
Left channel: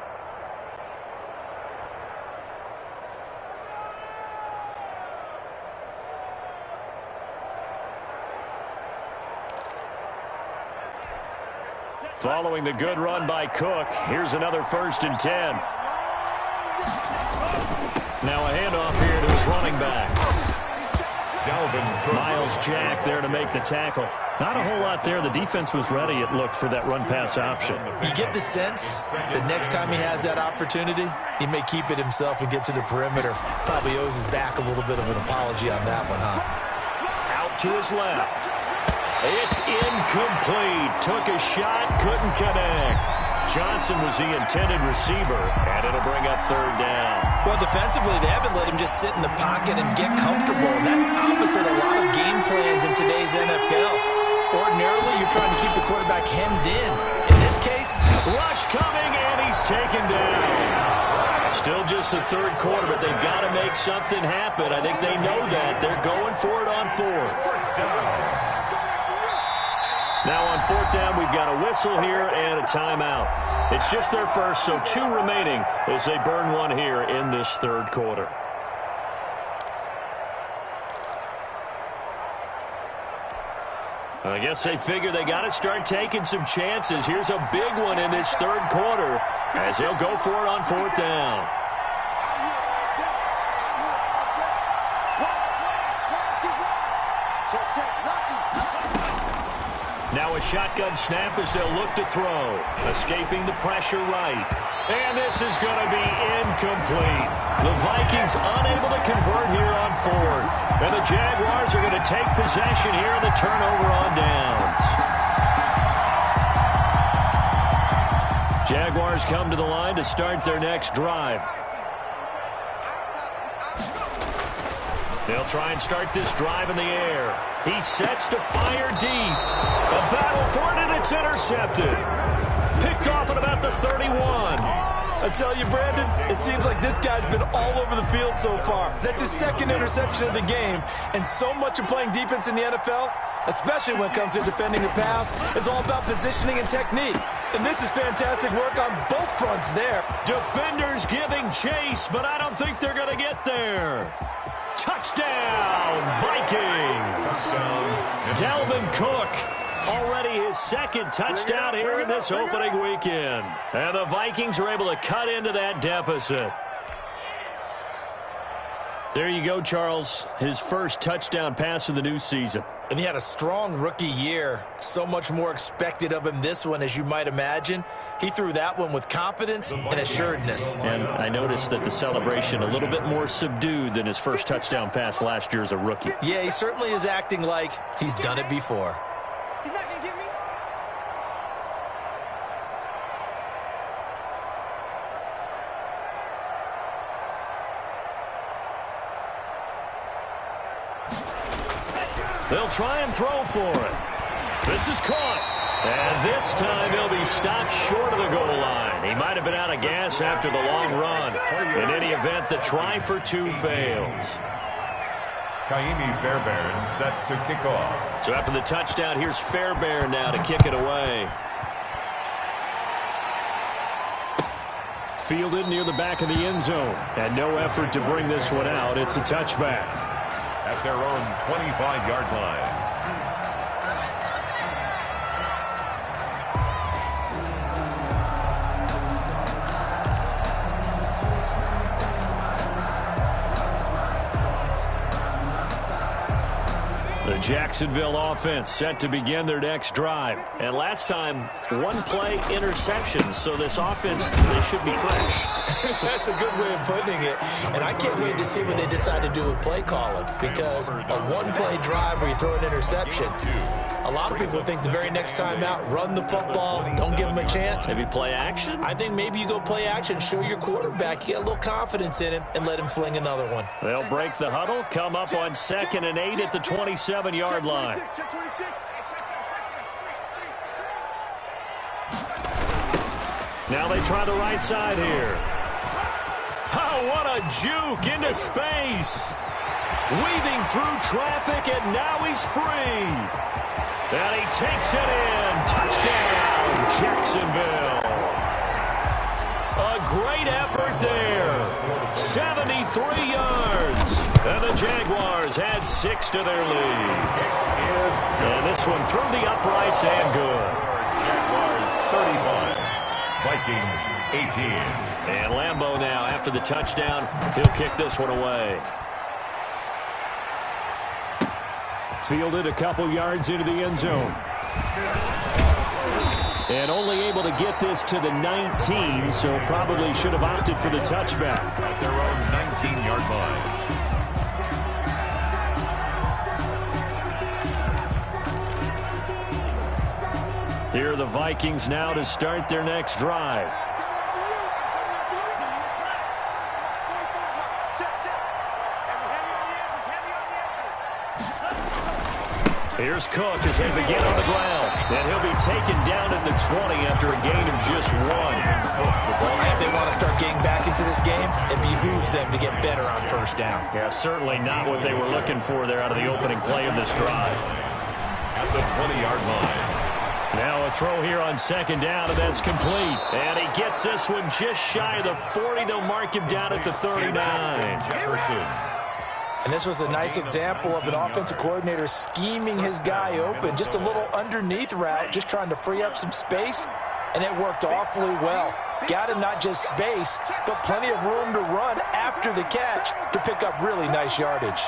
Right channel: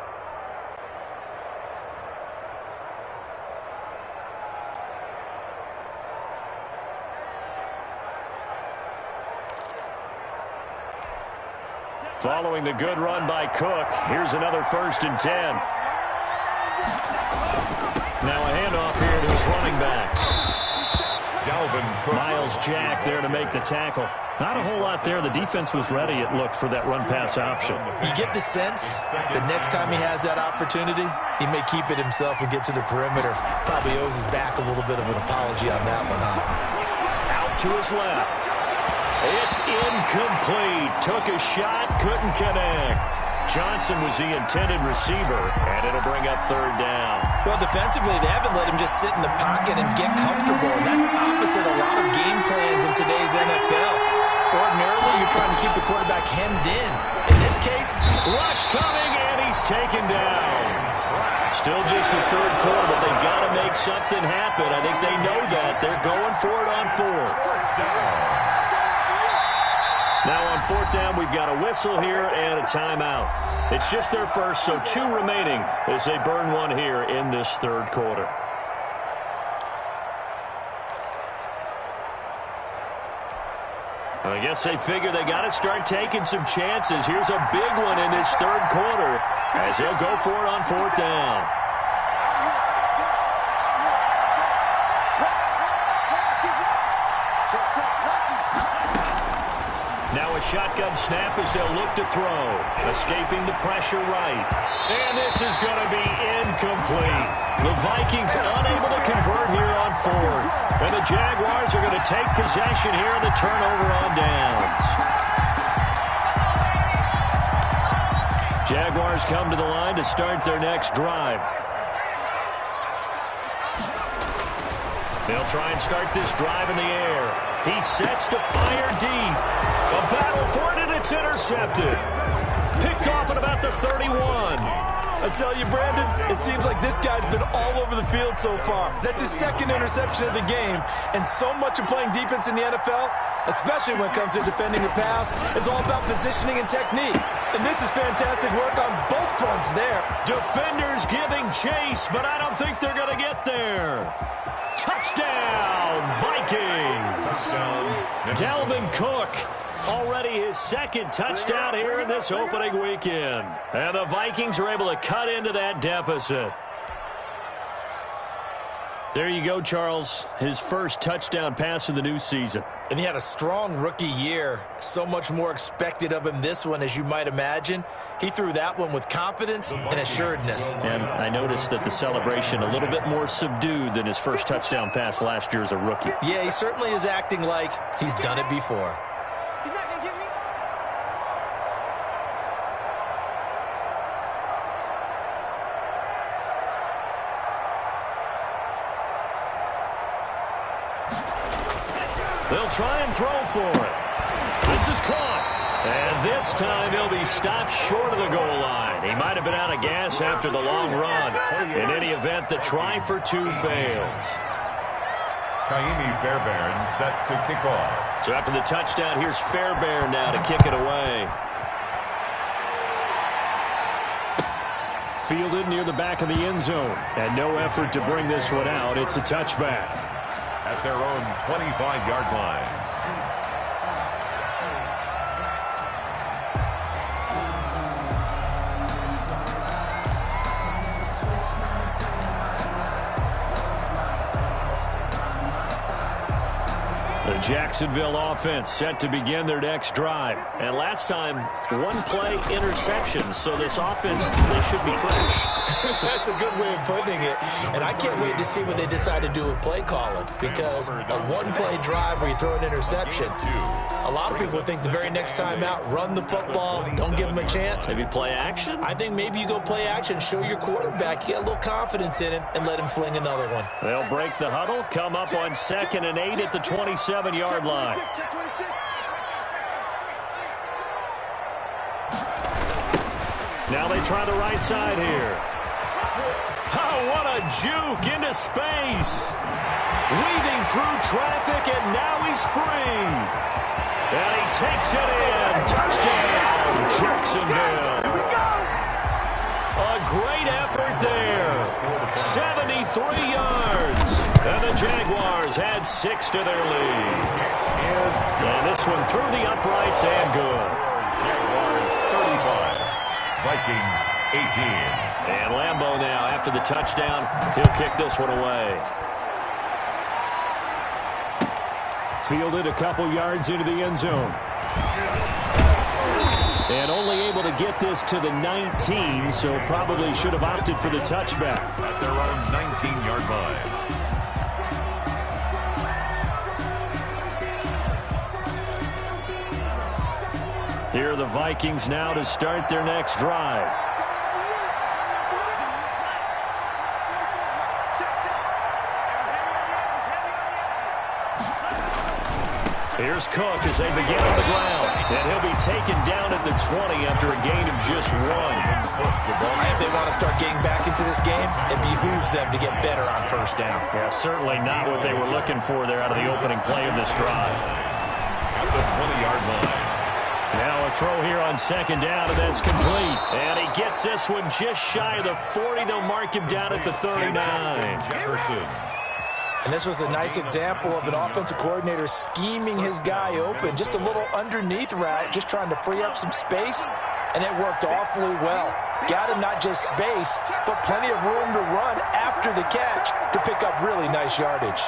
Following the good run by Cook, here's another 1st and 10. Now a handoff here to his running back. Miles Jack there to make the tackle. Not a whole lot there. The defense was ready, it looked, for that run-pass option. You get the sense that next time he has that opportunity, he may keep it himself and get to the perimeter. Probably owes his back a little bit of an apology on that one, huh? Out to his left. It's incomplete. Took a shot, couldn't connect. Johnson was the intended receiver, and it'll bring up third down. Well, defensively, they haven't let him just sit in the pocket and get comfortable, and that's opposite a lot of game plans in today's NFL. Ordinarily, you're trying to keep the quarterback hemmed in. In this case, rush coming, and he's taken down. Still just the third quarter, but they've got to make something happen. I think they know that. They're going for it on fourth. Now on fourth down, we've got a whistle here and a timeout. It's just their first, so 2 remaining as they burn one here in this third quarter. I guess they figure they got to start taking some chances. Here's a big one in this third quarter as they'll go for it on fourth down. Now a shotgun snap as they'll look to throw. Escaping the pressure right. And this is going to be incomplete. The Vikings unable to convert here on fourth. And the Jaguars are going to take possession here on the turnover on downs. Jaguars come to the line to start their next drive. They'll try and start this drive in the air. He sets to fire deep. A battle for it, and it's intercepted. Picked off at about the 31. I tell you, Brandon, it seems like this guy's been all over the field so far. That's his second interception of the game, and so much of playing defense in the NFL, especially when it comes to defending the pass, is all about positioning and technique. And this is fantastic work on both fronts there. Defenders giving chase, but I don't think they're going to get there. Touchdown, Vikings. Touchdown. Dalvin Cook, already his second touchdown here in this opening weekend. And the Vikings are able to cut into that deficit. There you go, Charles. His first touchdown pass of the new season. And he had a strong rookie year. So much more expected of him this one, as you might imagine. He threw that one with confidence and assuredness. And I noticed that the celebration a little bit more subdued than his first touchdown pass last year as a rookie. Yeah, he certainly is acting like he's done it before. He's not going to get me. They'll try and throw for it. This is caught. And this time he'll be stopped short of the goal line. He might have been out of gas after the long run. In any event, the try for 2 fails. Kaimi Fairbairn set to kick off. So after the touchdown, here's Fairbairn now to kick it away. Fielded near the back of the end zone. And no effort to bring this one out. It's a touchback. At their own 25-yard line. The Jacksonville offense set to begin their next drive. And last time, 1-play interception. So this offense, they should be fresh. That's a good way of putting it. And I can't wait to see what they decide to do with play calling. Because a 1-play drive where you throw an interception, a lot of people think the very next time out, run the football, don't give them a chance. Maybe play action? I think maybe you go play action, show your quarterback, you get a little confidence in him, and let him fling another one. They'll break the huddle, come up on 2nd and 8 at the 27-yard line. Now they try the right side here. Oh, what a juke into space. Weaving through traffic, and now he's free. And he takes it in. Touchdown, Jacksonville. A great effort there. 73 yards. And the Jaguars add 6 to their lead. And this one through the uprights and good. Jaguars 35. Vikings 18. And Lambeau now, after the touchdown, he'll kick this one away. Fielded a couple yards into the end zone. And only able to get this to the 19, so probably should have opted for the touchback. At their own 19-yard line. Here are the Vikings now to start their next drive. Here's Cook as they begin on the ground. And he'll be taken down at the 20 after a gain of just 1. If they want to start getting back into this game, it behooves them to get better on first down. Yeah, certainly not what they were looking for there out of the opening play of this drive. At the 20-yard line. Now a throw here on second down, and that's complete. And he gets this one just shy of the 40. They'll mark him down at the 39. Jefferson. And this was a nice example of an offensive coordinator scheming his guy open. Just a little underneath route, just trying to free up some space, and it worked awfully well. Got him not just space, but plenty of room to run after the catch to pick up really nice yardage.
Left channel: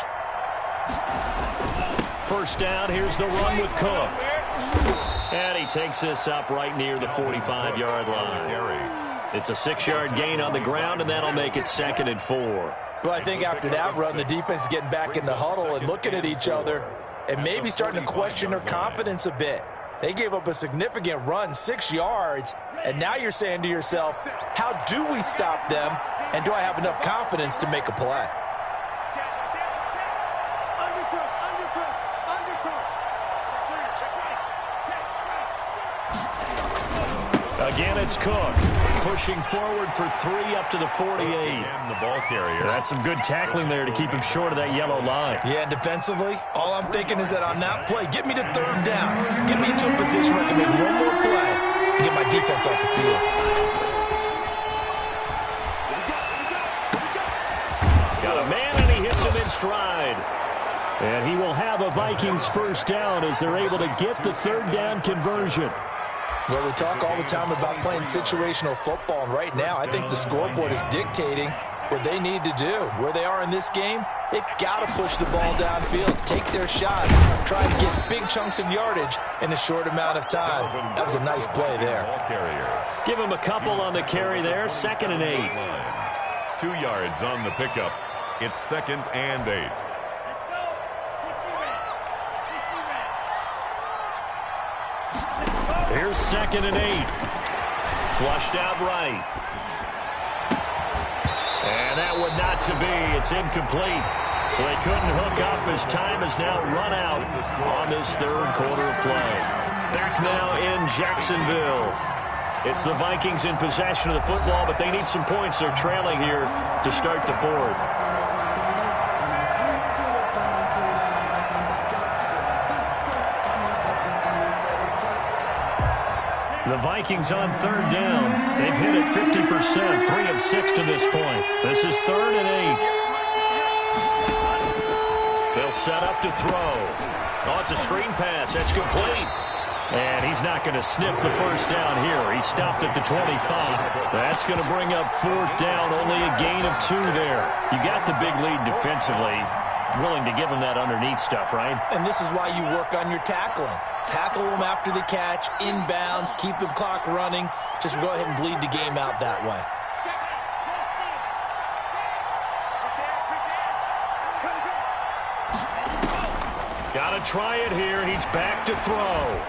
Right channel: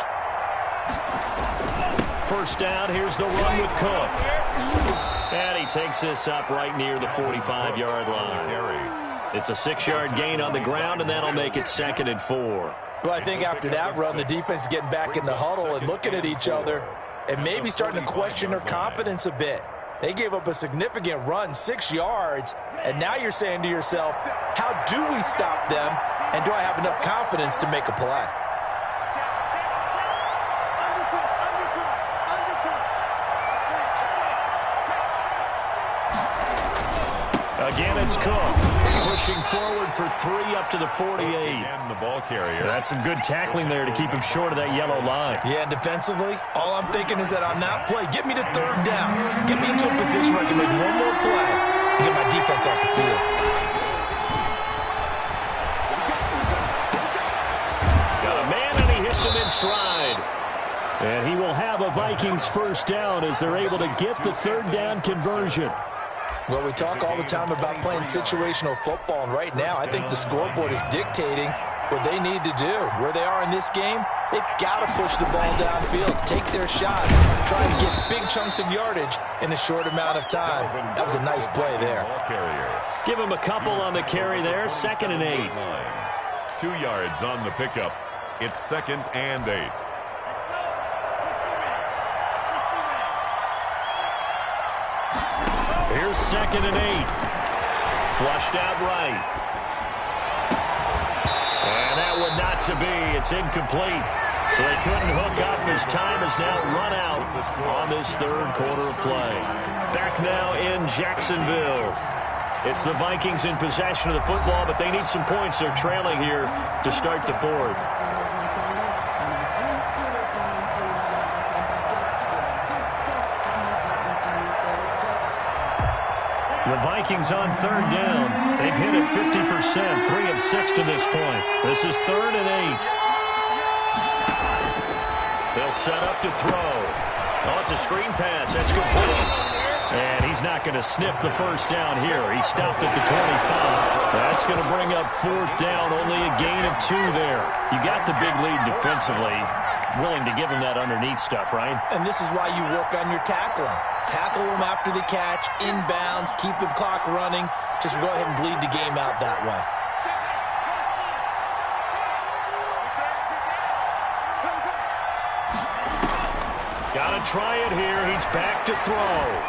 First down, here's the run with Cook. And he takes this up right near the 45-yard line. It's a 6-yard gain on the ground, and that'll make it 2nd and 4. Well, I think after that run, the defense is getting back in the huddle and looking at each other and maybe starting to question their confidence a bit. They gave up a significant run, 6 yards, and now you're saying to yourself, how do we stop them, and do I have enough confidence to make a play? Again, it's Cook pushing forward for 3 up to the 48. And the ball carrier. That's some good tackling there to keep him short of that yellow line. Yeah, and defensively, all I'm thinking is that on that play, get me to 3rd down. Get me into a position where I can make one more play and get my defense off the field. Got a man, and he hits him in stride. And he will have a Vikings first down as they're able to get the 3rd down conversion. Well, we talk all the time about playing situational football, and right now I think the scoreboard is dictating what they need to do. Where they are in this game, they've got to push the ball downfield, take their shots, try to get big chunks of yardage in a short amount of time. That was a nice play there. Give him a couple on the carry there, 2nd and 8. 2 yards on the pickup. It's 2nd and 8. Here's 2nd and 8. Flushed out right. And that one not to be. It's incomplete. So they couldn't hook up as time has now run out on this 3rd quarter of play. Back now in Jacksonville. It's the Vikings in possession of the football, but they need some points. They're trailing here to start the 4th. The Vikings on 3rd down. They've hit it 50%, 3 of 6 to this point. This is 3rd and 8. They'll set up to throw. Oh, it's a screen pass. That's complete. And he's not going to sniff the first down here. He stopped at the 25. That's going to bring up 4th down. Only a gain of 2 there. You got the big lead defensively. Willing to give him that underneath stuff, right? And this is why you work on your tackling. Tackle them after the catch, inbounds, keep the clock running. Just go ahead and bleed the game out that way. Got to try it here. He's back to throw.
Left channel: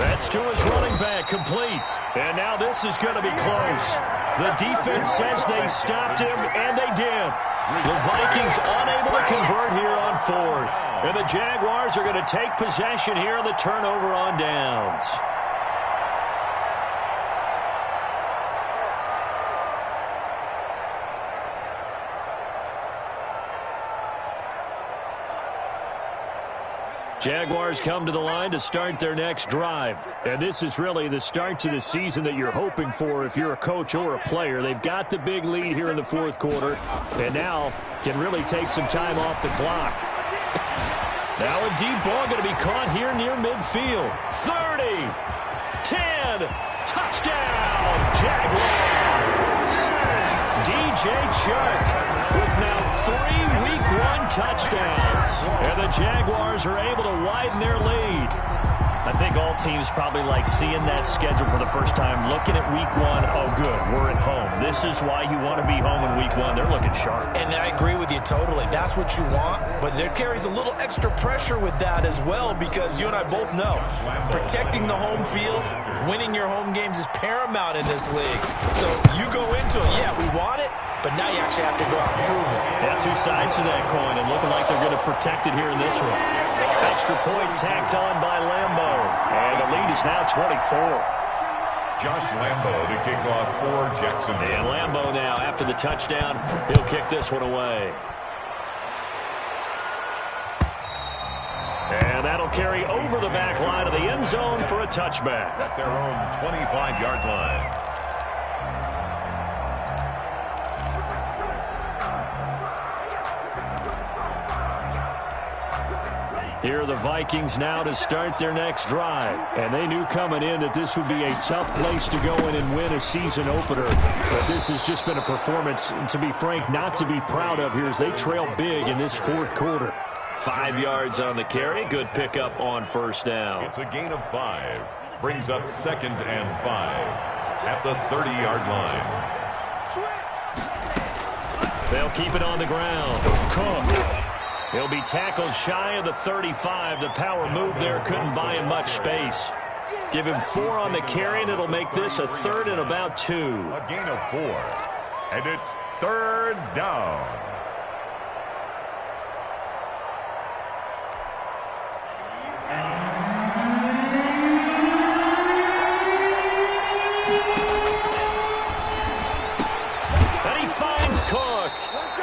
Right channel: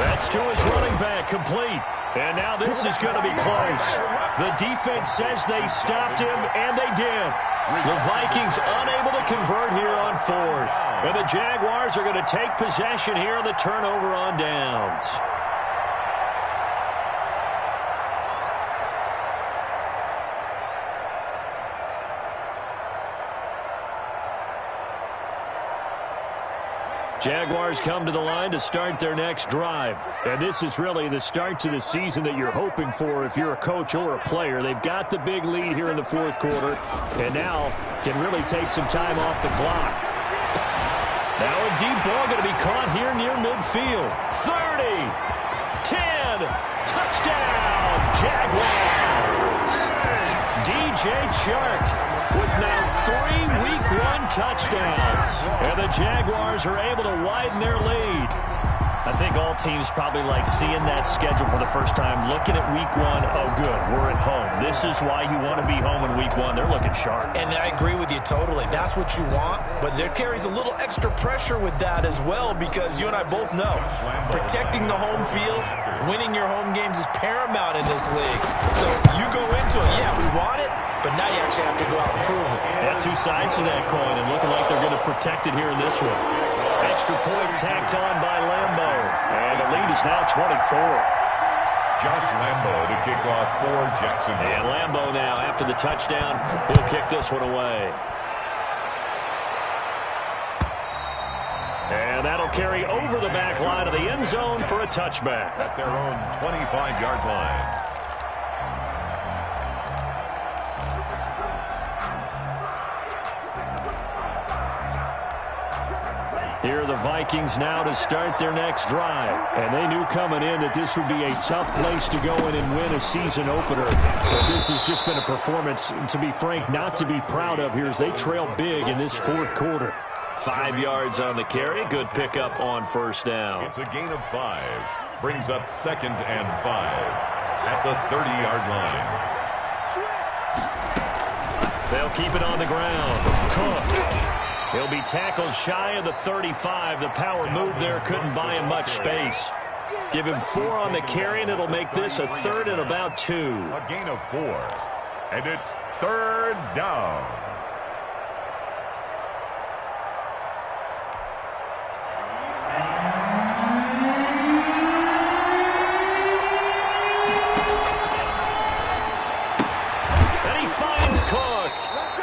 That's to his running back, complete. And now this is going to be close. The defense says they stopped him, and they did. The Vikings unable to convert here on 4th. And the Jaguars are going to take possession here on the turnover on downs. Jaguars come to the line to start their next drive. And this is really the start to the season that you're hoping for if you're a coach or a player. They've got the big lead here in the 4th quarter, and now can really take some time off the clock. Now a deep ball going to be caught here near midfield. 30, 10, touchdown, Jaguars. DJ Chark with now 3 Week 1 touchdowns. And the Jaguars are able to widen their lead. I think all teams probably like seeing that schedule for the first time, looking at Week 1. Oh, good, we're at home. This is why you want to be home in Week 1. They're looking sharp. And I agree with you totally. That's what you want, but there carries a little extra pressure with that as well, because you and I both know protecting the home field, winning your home games is paramount in this league. So you go into it, yeah, we want it, but now you actually have to go out and prove it. Yeah, 2 sides to that coin, and looking like they're going to protect it here in this one. Extra point tacked on by Lambo, and the lead is now 24. Josh Lambo to kick off for Jacksonville. And Lambo now, after the touchdown, he'll kick this one away. And that'll carry over the back line of the end zone for a touchback. At their own 25-yard line. Here are the Vikings now to start their next drive. And they knew coming in that this would be a tough place to go in and win a season opener. But this has just been a performance, to be frank, not to be proud of here as they trail big in this 4th quarter. 5 yards on the carry. Good pickup on first down. It's a gain of 5. Brings up 2nd and 5 at the 30-yard line. They'll keep it on the ground. Cook. He'll be tackled shy of the 35. The power move there couldn't buy him much space. Give him 4 on the carry, and it'll make this a 3rd and about 2. A gain of 4. And it's 3rd down. And he finds Cook.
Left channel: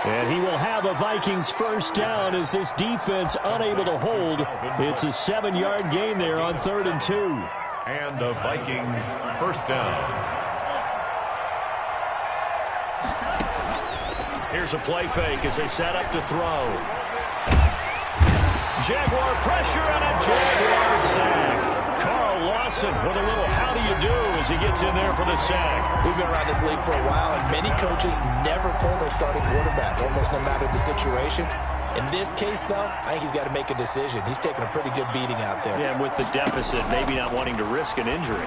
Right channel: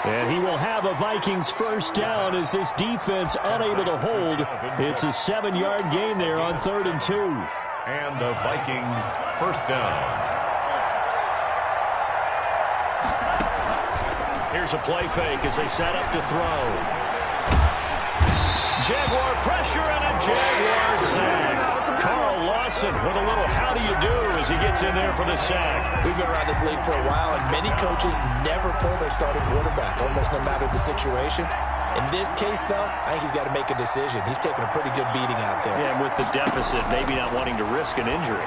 And he will have a Vikings first down as this defense unable to hold. It's a 7-yard gain there on 3rd and 2. And the Vikings first down. Here's a play fake as they set up to throw. Jaguar pressure and a Jaguar sack. Carl Lawson with a little how do you do as he gets in there for the sack. We've been around this league for a while, and many coaches never pull their starting quarterback, almost no matter the situation. In this case, though, I think he's got to make a decision. He's taking a pretty good beating out there. Yeah, and with the deficit, maybe not wanting to risk an injury.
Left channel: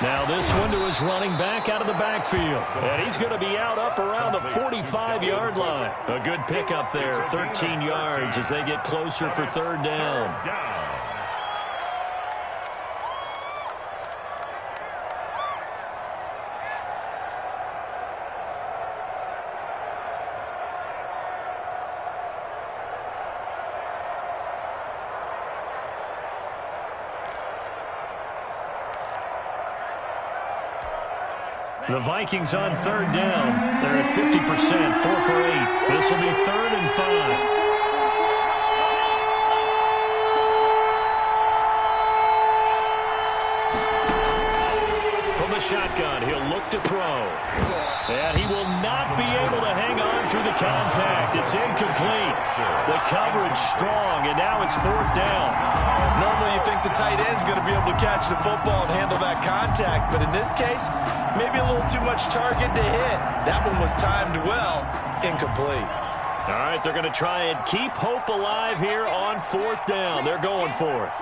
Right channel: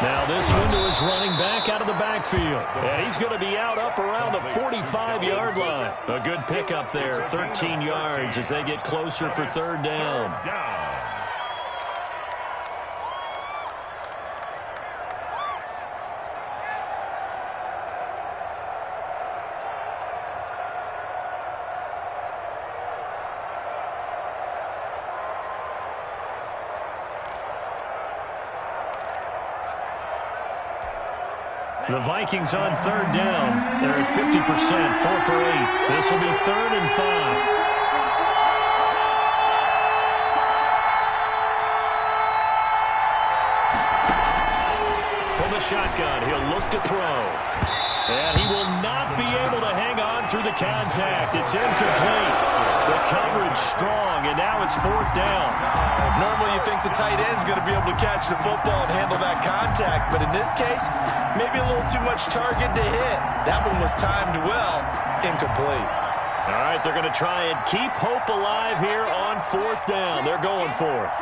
Now this one to his running back out of the backfield. And he's going to be out up around the 45-yard line. A good pickup there, 13 yards as they get closer for 3rd down. The Vikings on 3rd down. They're at 50%, 4 for 8. This will be 3rd and 5. From the shotgun, he'll look to throw. And he will not be able to hang on through the contact. It's incomplete. The coverage strong, and now it's 4th down. Normally you think the tight end's going to be able to catch the football and handle that contact, but in this case, maybe a little too much target to hit. That one was timed well, incomplete. All right, they're going to try and keep hope alive here on 4th down. They're going for it.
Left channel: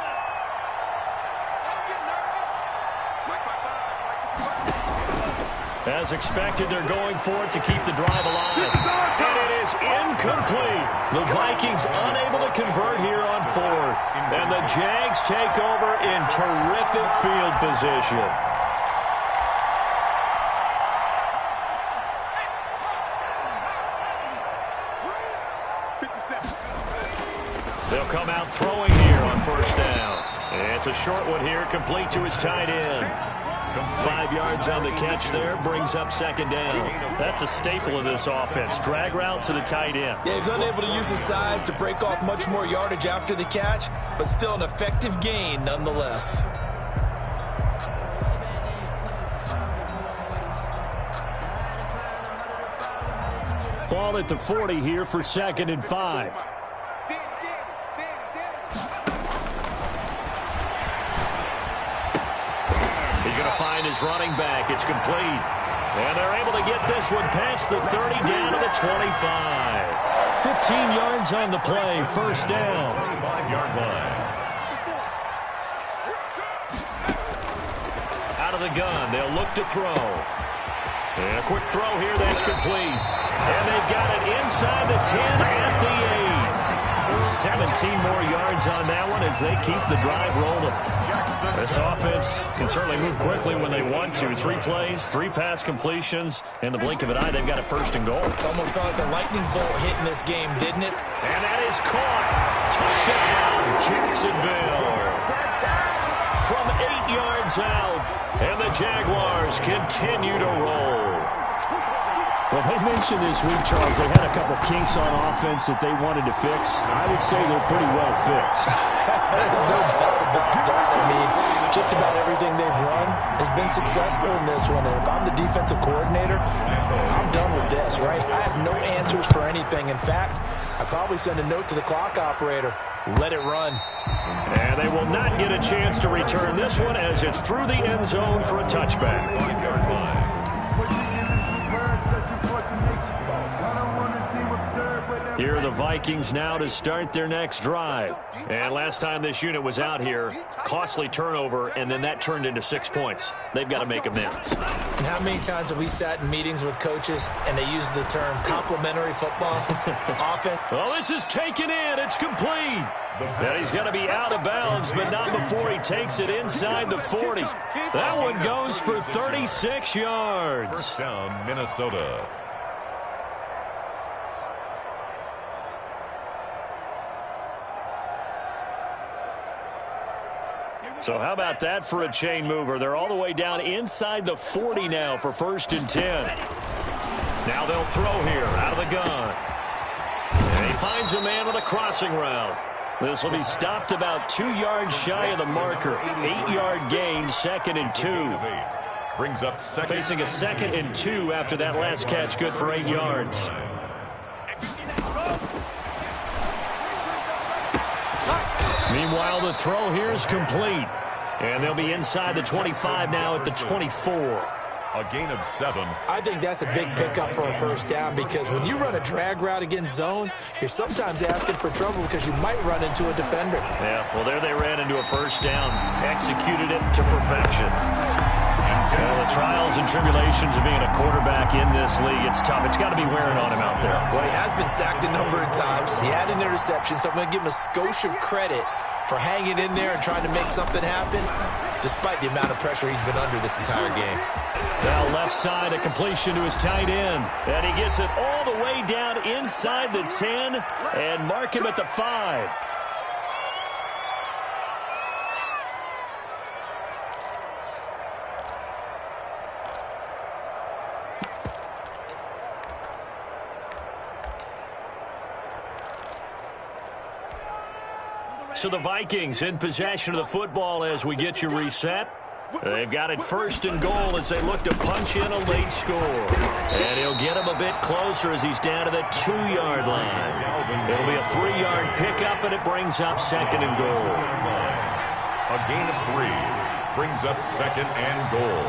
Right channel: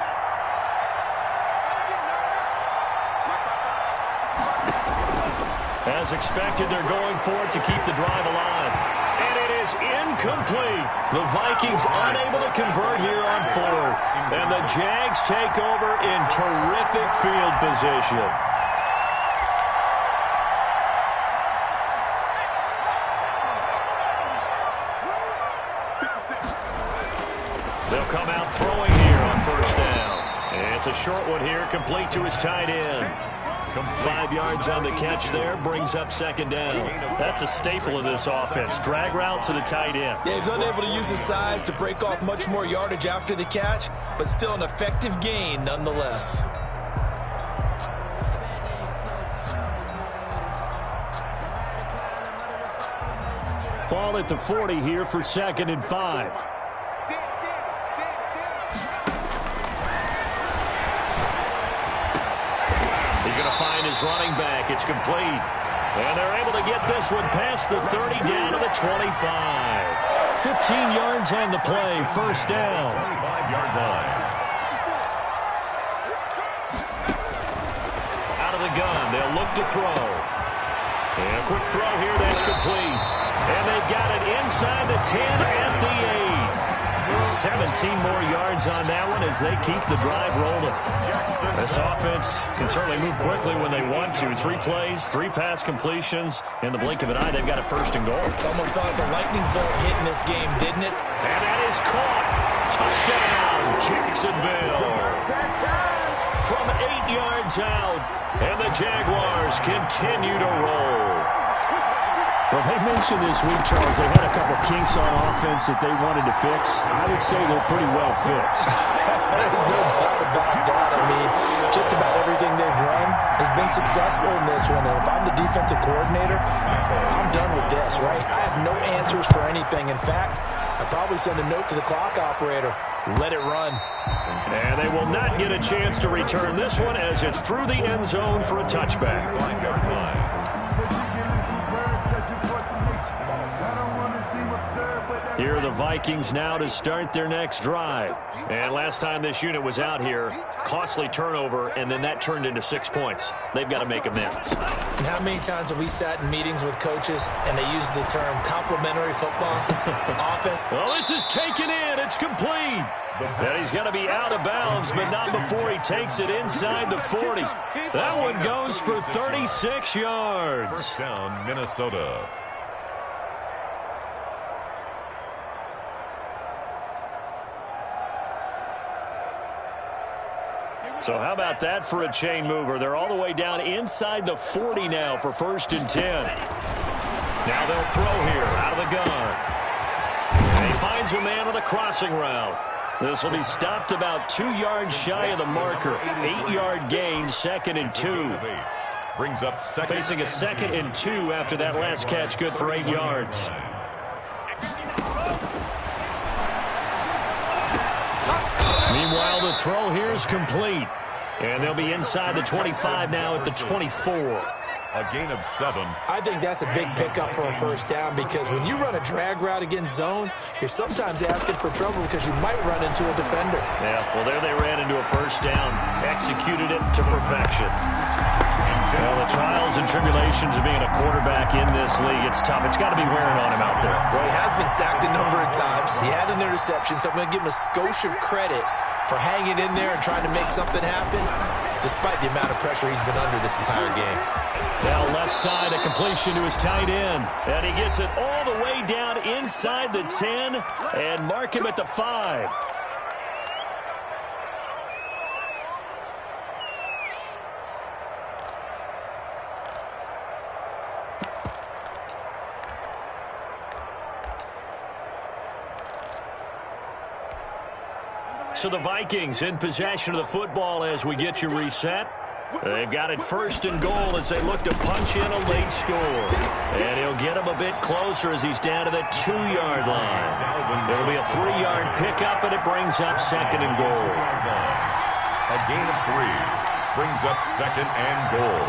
As expected, they're going for it to keep the drive alive. And it is incomplete. The Vikings unable to convert here on 4th. And the Jags take over in terrific field position. They'll come out throwing here on 1st down. And it's a short one here, complete to his tight end. 5 yards on the catch there, brings up 2nd down. That's a staple of this offense. Drag route to the tight end. Yeah, he's unable to use his size to break off much more yardage after the catch, but still an effective gain nonetheless. Ball at the 40 here for 2nd and 5. He's going to find his running back. It's complete. And they're able to get this one past the 30 down to the 25. 15 yards on the play, first down. 25-yard line. Out of the gun, they'll look to throw. And a quick throw here, that's complete. And they've got it inside the 10 at the 8. 17 more yards on that one as they keep the drive rolling. This offense can certainly move quickly when they want to. 3 plays, 3 pass completions. In the blink of an eye, they've got a first and goal. It almost felt like a lightning bolt hitting this game, didn't it? And that is caught. Touchdown, Jacksonville. From 8 yards out, and the Jaguars continue to roll. Well, they mentioned this week, Charles, they had a couple kinks on offense that they wanted to fix. I would say they're pretty well fixed. There's no doubt about that. I mean, just about everything they've run has been successful in this one. And if I'm the defensive coordinator, I'm done with this, right? I have no answers for anything. In fact, I'd probably send a note to the clock operator. Let it run. And they will not get a chance to return this one as it's through the end zone for a touchback. 5-yard line. Here are the Vikings now to start their next drive. And last time this unit was out here, costly turnover, and then that turned into 6 points. They've got to make amends. And how many times have we sat in meetings with coaches and they use the term complementary football? Offense. Well, this is taken in. It's complete. And he's going to be out of bounds, but not before he takes it inside the 40. That one goes for 36 yards. First down, Minnesota. So how about that for a chain mover? They're all the way down inside the 40 now for 1st and 10. Now they'll throw here out of the gun. And he finds a man on the crossing route. This will be stopped about 2 yards shy of the marker. 8-yard gain, 2nd and 2. Brings up second. Facing a 2nd and 2 after that last catch, good for 8 yards. Meanwhile, the throw here is complete. And they'll be inside the 25 now at the 24. A gain of 7. I think that's a big pickup for a first down because when you run a drag route against zone, you're sometimes asking for trouble because you might run into a defender. Yeah, well, there they ran into a first down. Executed it to perfection. Well, the trials and tribulations of being a quarterback in this league, it's tough. It's got to be wearing on him out there. Well, he has been sacked a number of times. He had an interception, so I'm going to give him a skosh of credit for hanging in there and trying to make something happen, despite the amount of pressure he's been under this entire game. Now left side, a completion to his tight end. And he gets it all the way down inside the 10 and mark him at the 5. So the Vikings in possession of the football as we get you reset. They've got it 1st and goal as they look to punch in a late score. And he'll get him a bit closer as he's down to the 2-yard line. It'll be a 3-yard pickup, and it brings up 2nd and goal. A gain of 3 brings up 2nd and goal.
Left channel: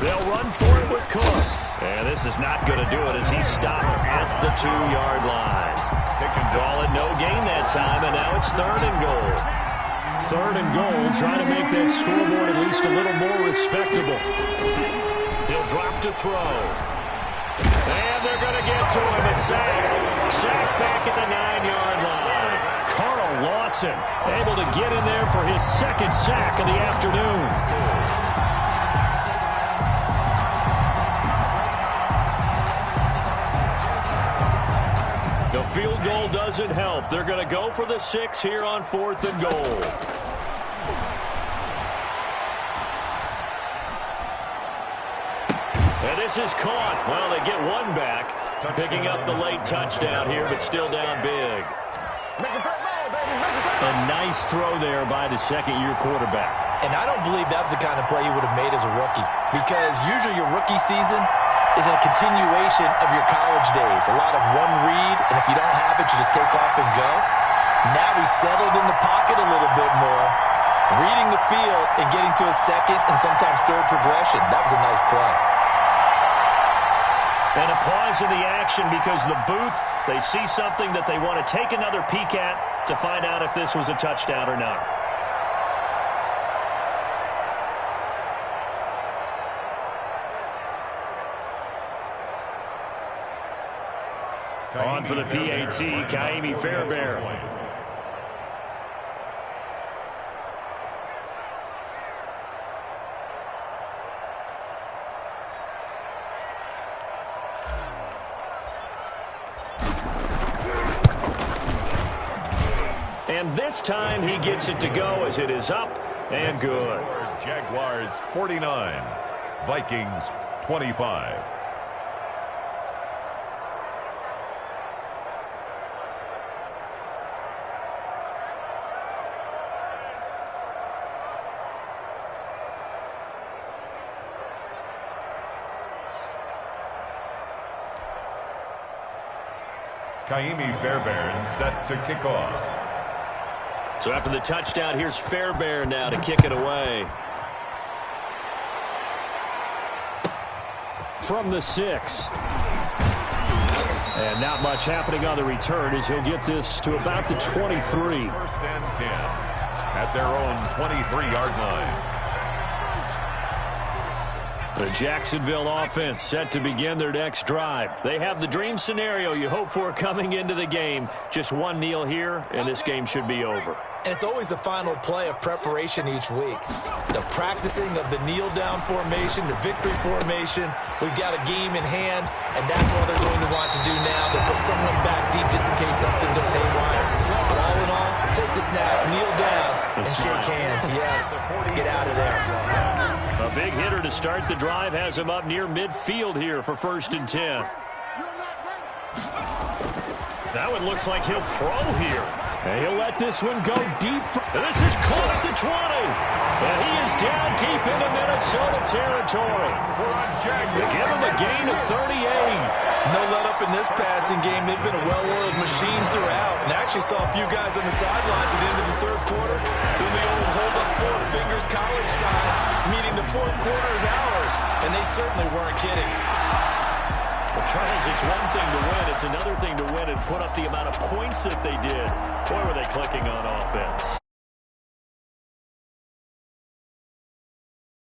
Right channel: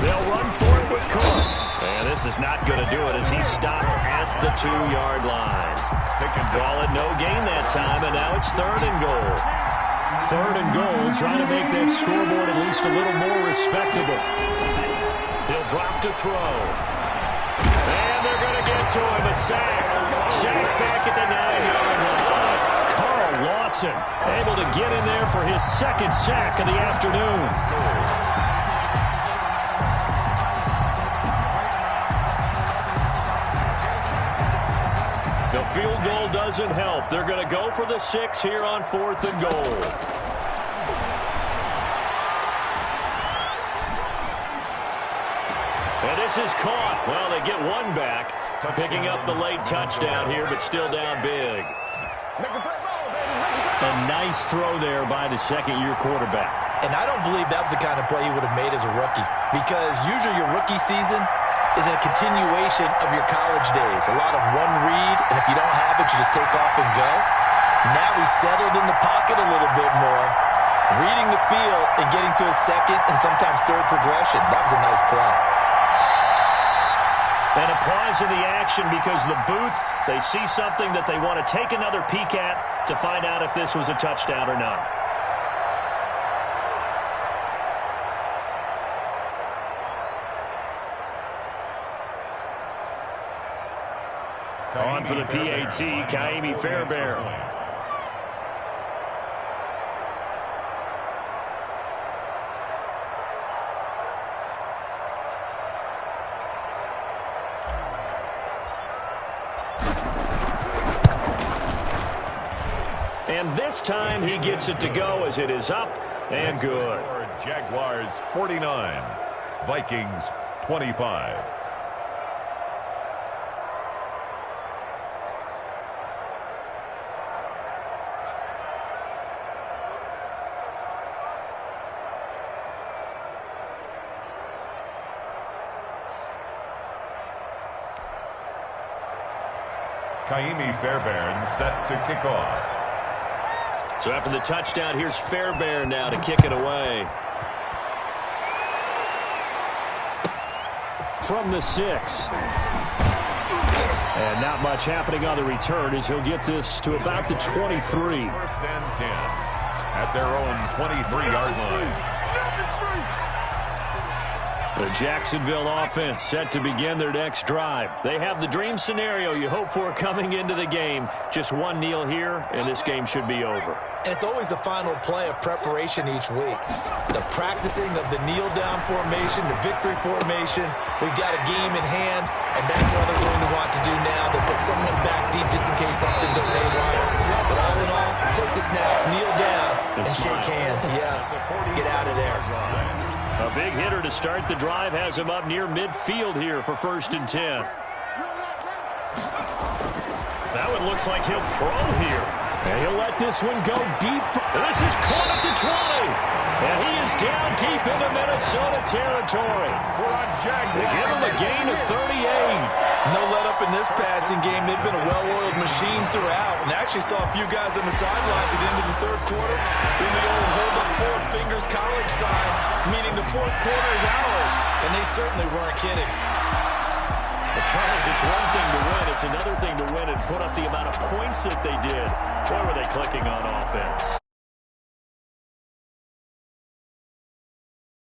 They'll run for it with Cook. And this is not going to do it as he's stopped at the 2-yard line. Call it no gain that time, and now it's 3rd and goal. 3rd and goal, trying to make that scoreboard at least a little more respectable. He'll drop to throw. And they're going to get to him, a sack. Sack back at the 9-yard line. Carl Lawson able to get in there for his 2nd sack of the afternoon. The field goal doesn't help. They're going to go for the 6 here on 4th and goal. And this is caught. Well, they get one back. Picking up the late touchdown here, but still down big. A nice throw there by the 2nd-year quarterback. And I don't believe that was the kind of play he would have made as a rookie. Because usually your rookie season is a continuation of your college days. A lot of one read, and if you don't have it, you just take off and go. Now he's settled in the pocket a little bit more, reading the field and getting to a second and sometimes third progression. That was a nice play. And a pause in the action because the booth, they see something that they want to take another peek at to find out if this was a touchdown or not. On for the PAT, Kaimi Fairbairn. And this time he gets it to go as it is up and good. Jaguars 49, Vikings 25. Kaimi Fairbairn set to kick off. So after the touchdown, here's Fairbairn now to kick it away. From the 6. And not much happening on the return as he'll get this to about the 23. First and 10 at their own 23-yard line. The Jacksonville offense set to begin their next drive. They have the dream scenario you hope for coming into the game. Just one kneel here, and this game should be over. And it's always the final play of preparation each week. The practicing of the kneel-down formation, the victory formation. We've got a game in hand, and that's what they're going to want to do now. They'll put someone back deep just in case something goes haywire. But all in all, take the snap, kneel down, and shake hands. Yes, get out of there. A big hitter to start the drive has him up near midfield here for 1st and 10. That one looks like he'll throw here. And he'll let this one go deep. This is caught at the 20. And he is down deep into Minnesota territory. They give him a gain of 38. No let up in this passing game. They've been a well-oiled machine throughout. And actually saw a few guys on the sidelines at the end of the third quarter doing the old hold up 4 fingers college sign, meaning the fourth quarter is ours. And they certainly weren't kidding. Well, Charles, it's one thing to win. It's another thing to win and put up the amount of points that they did. Boy, were they clicking on offense.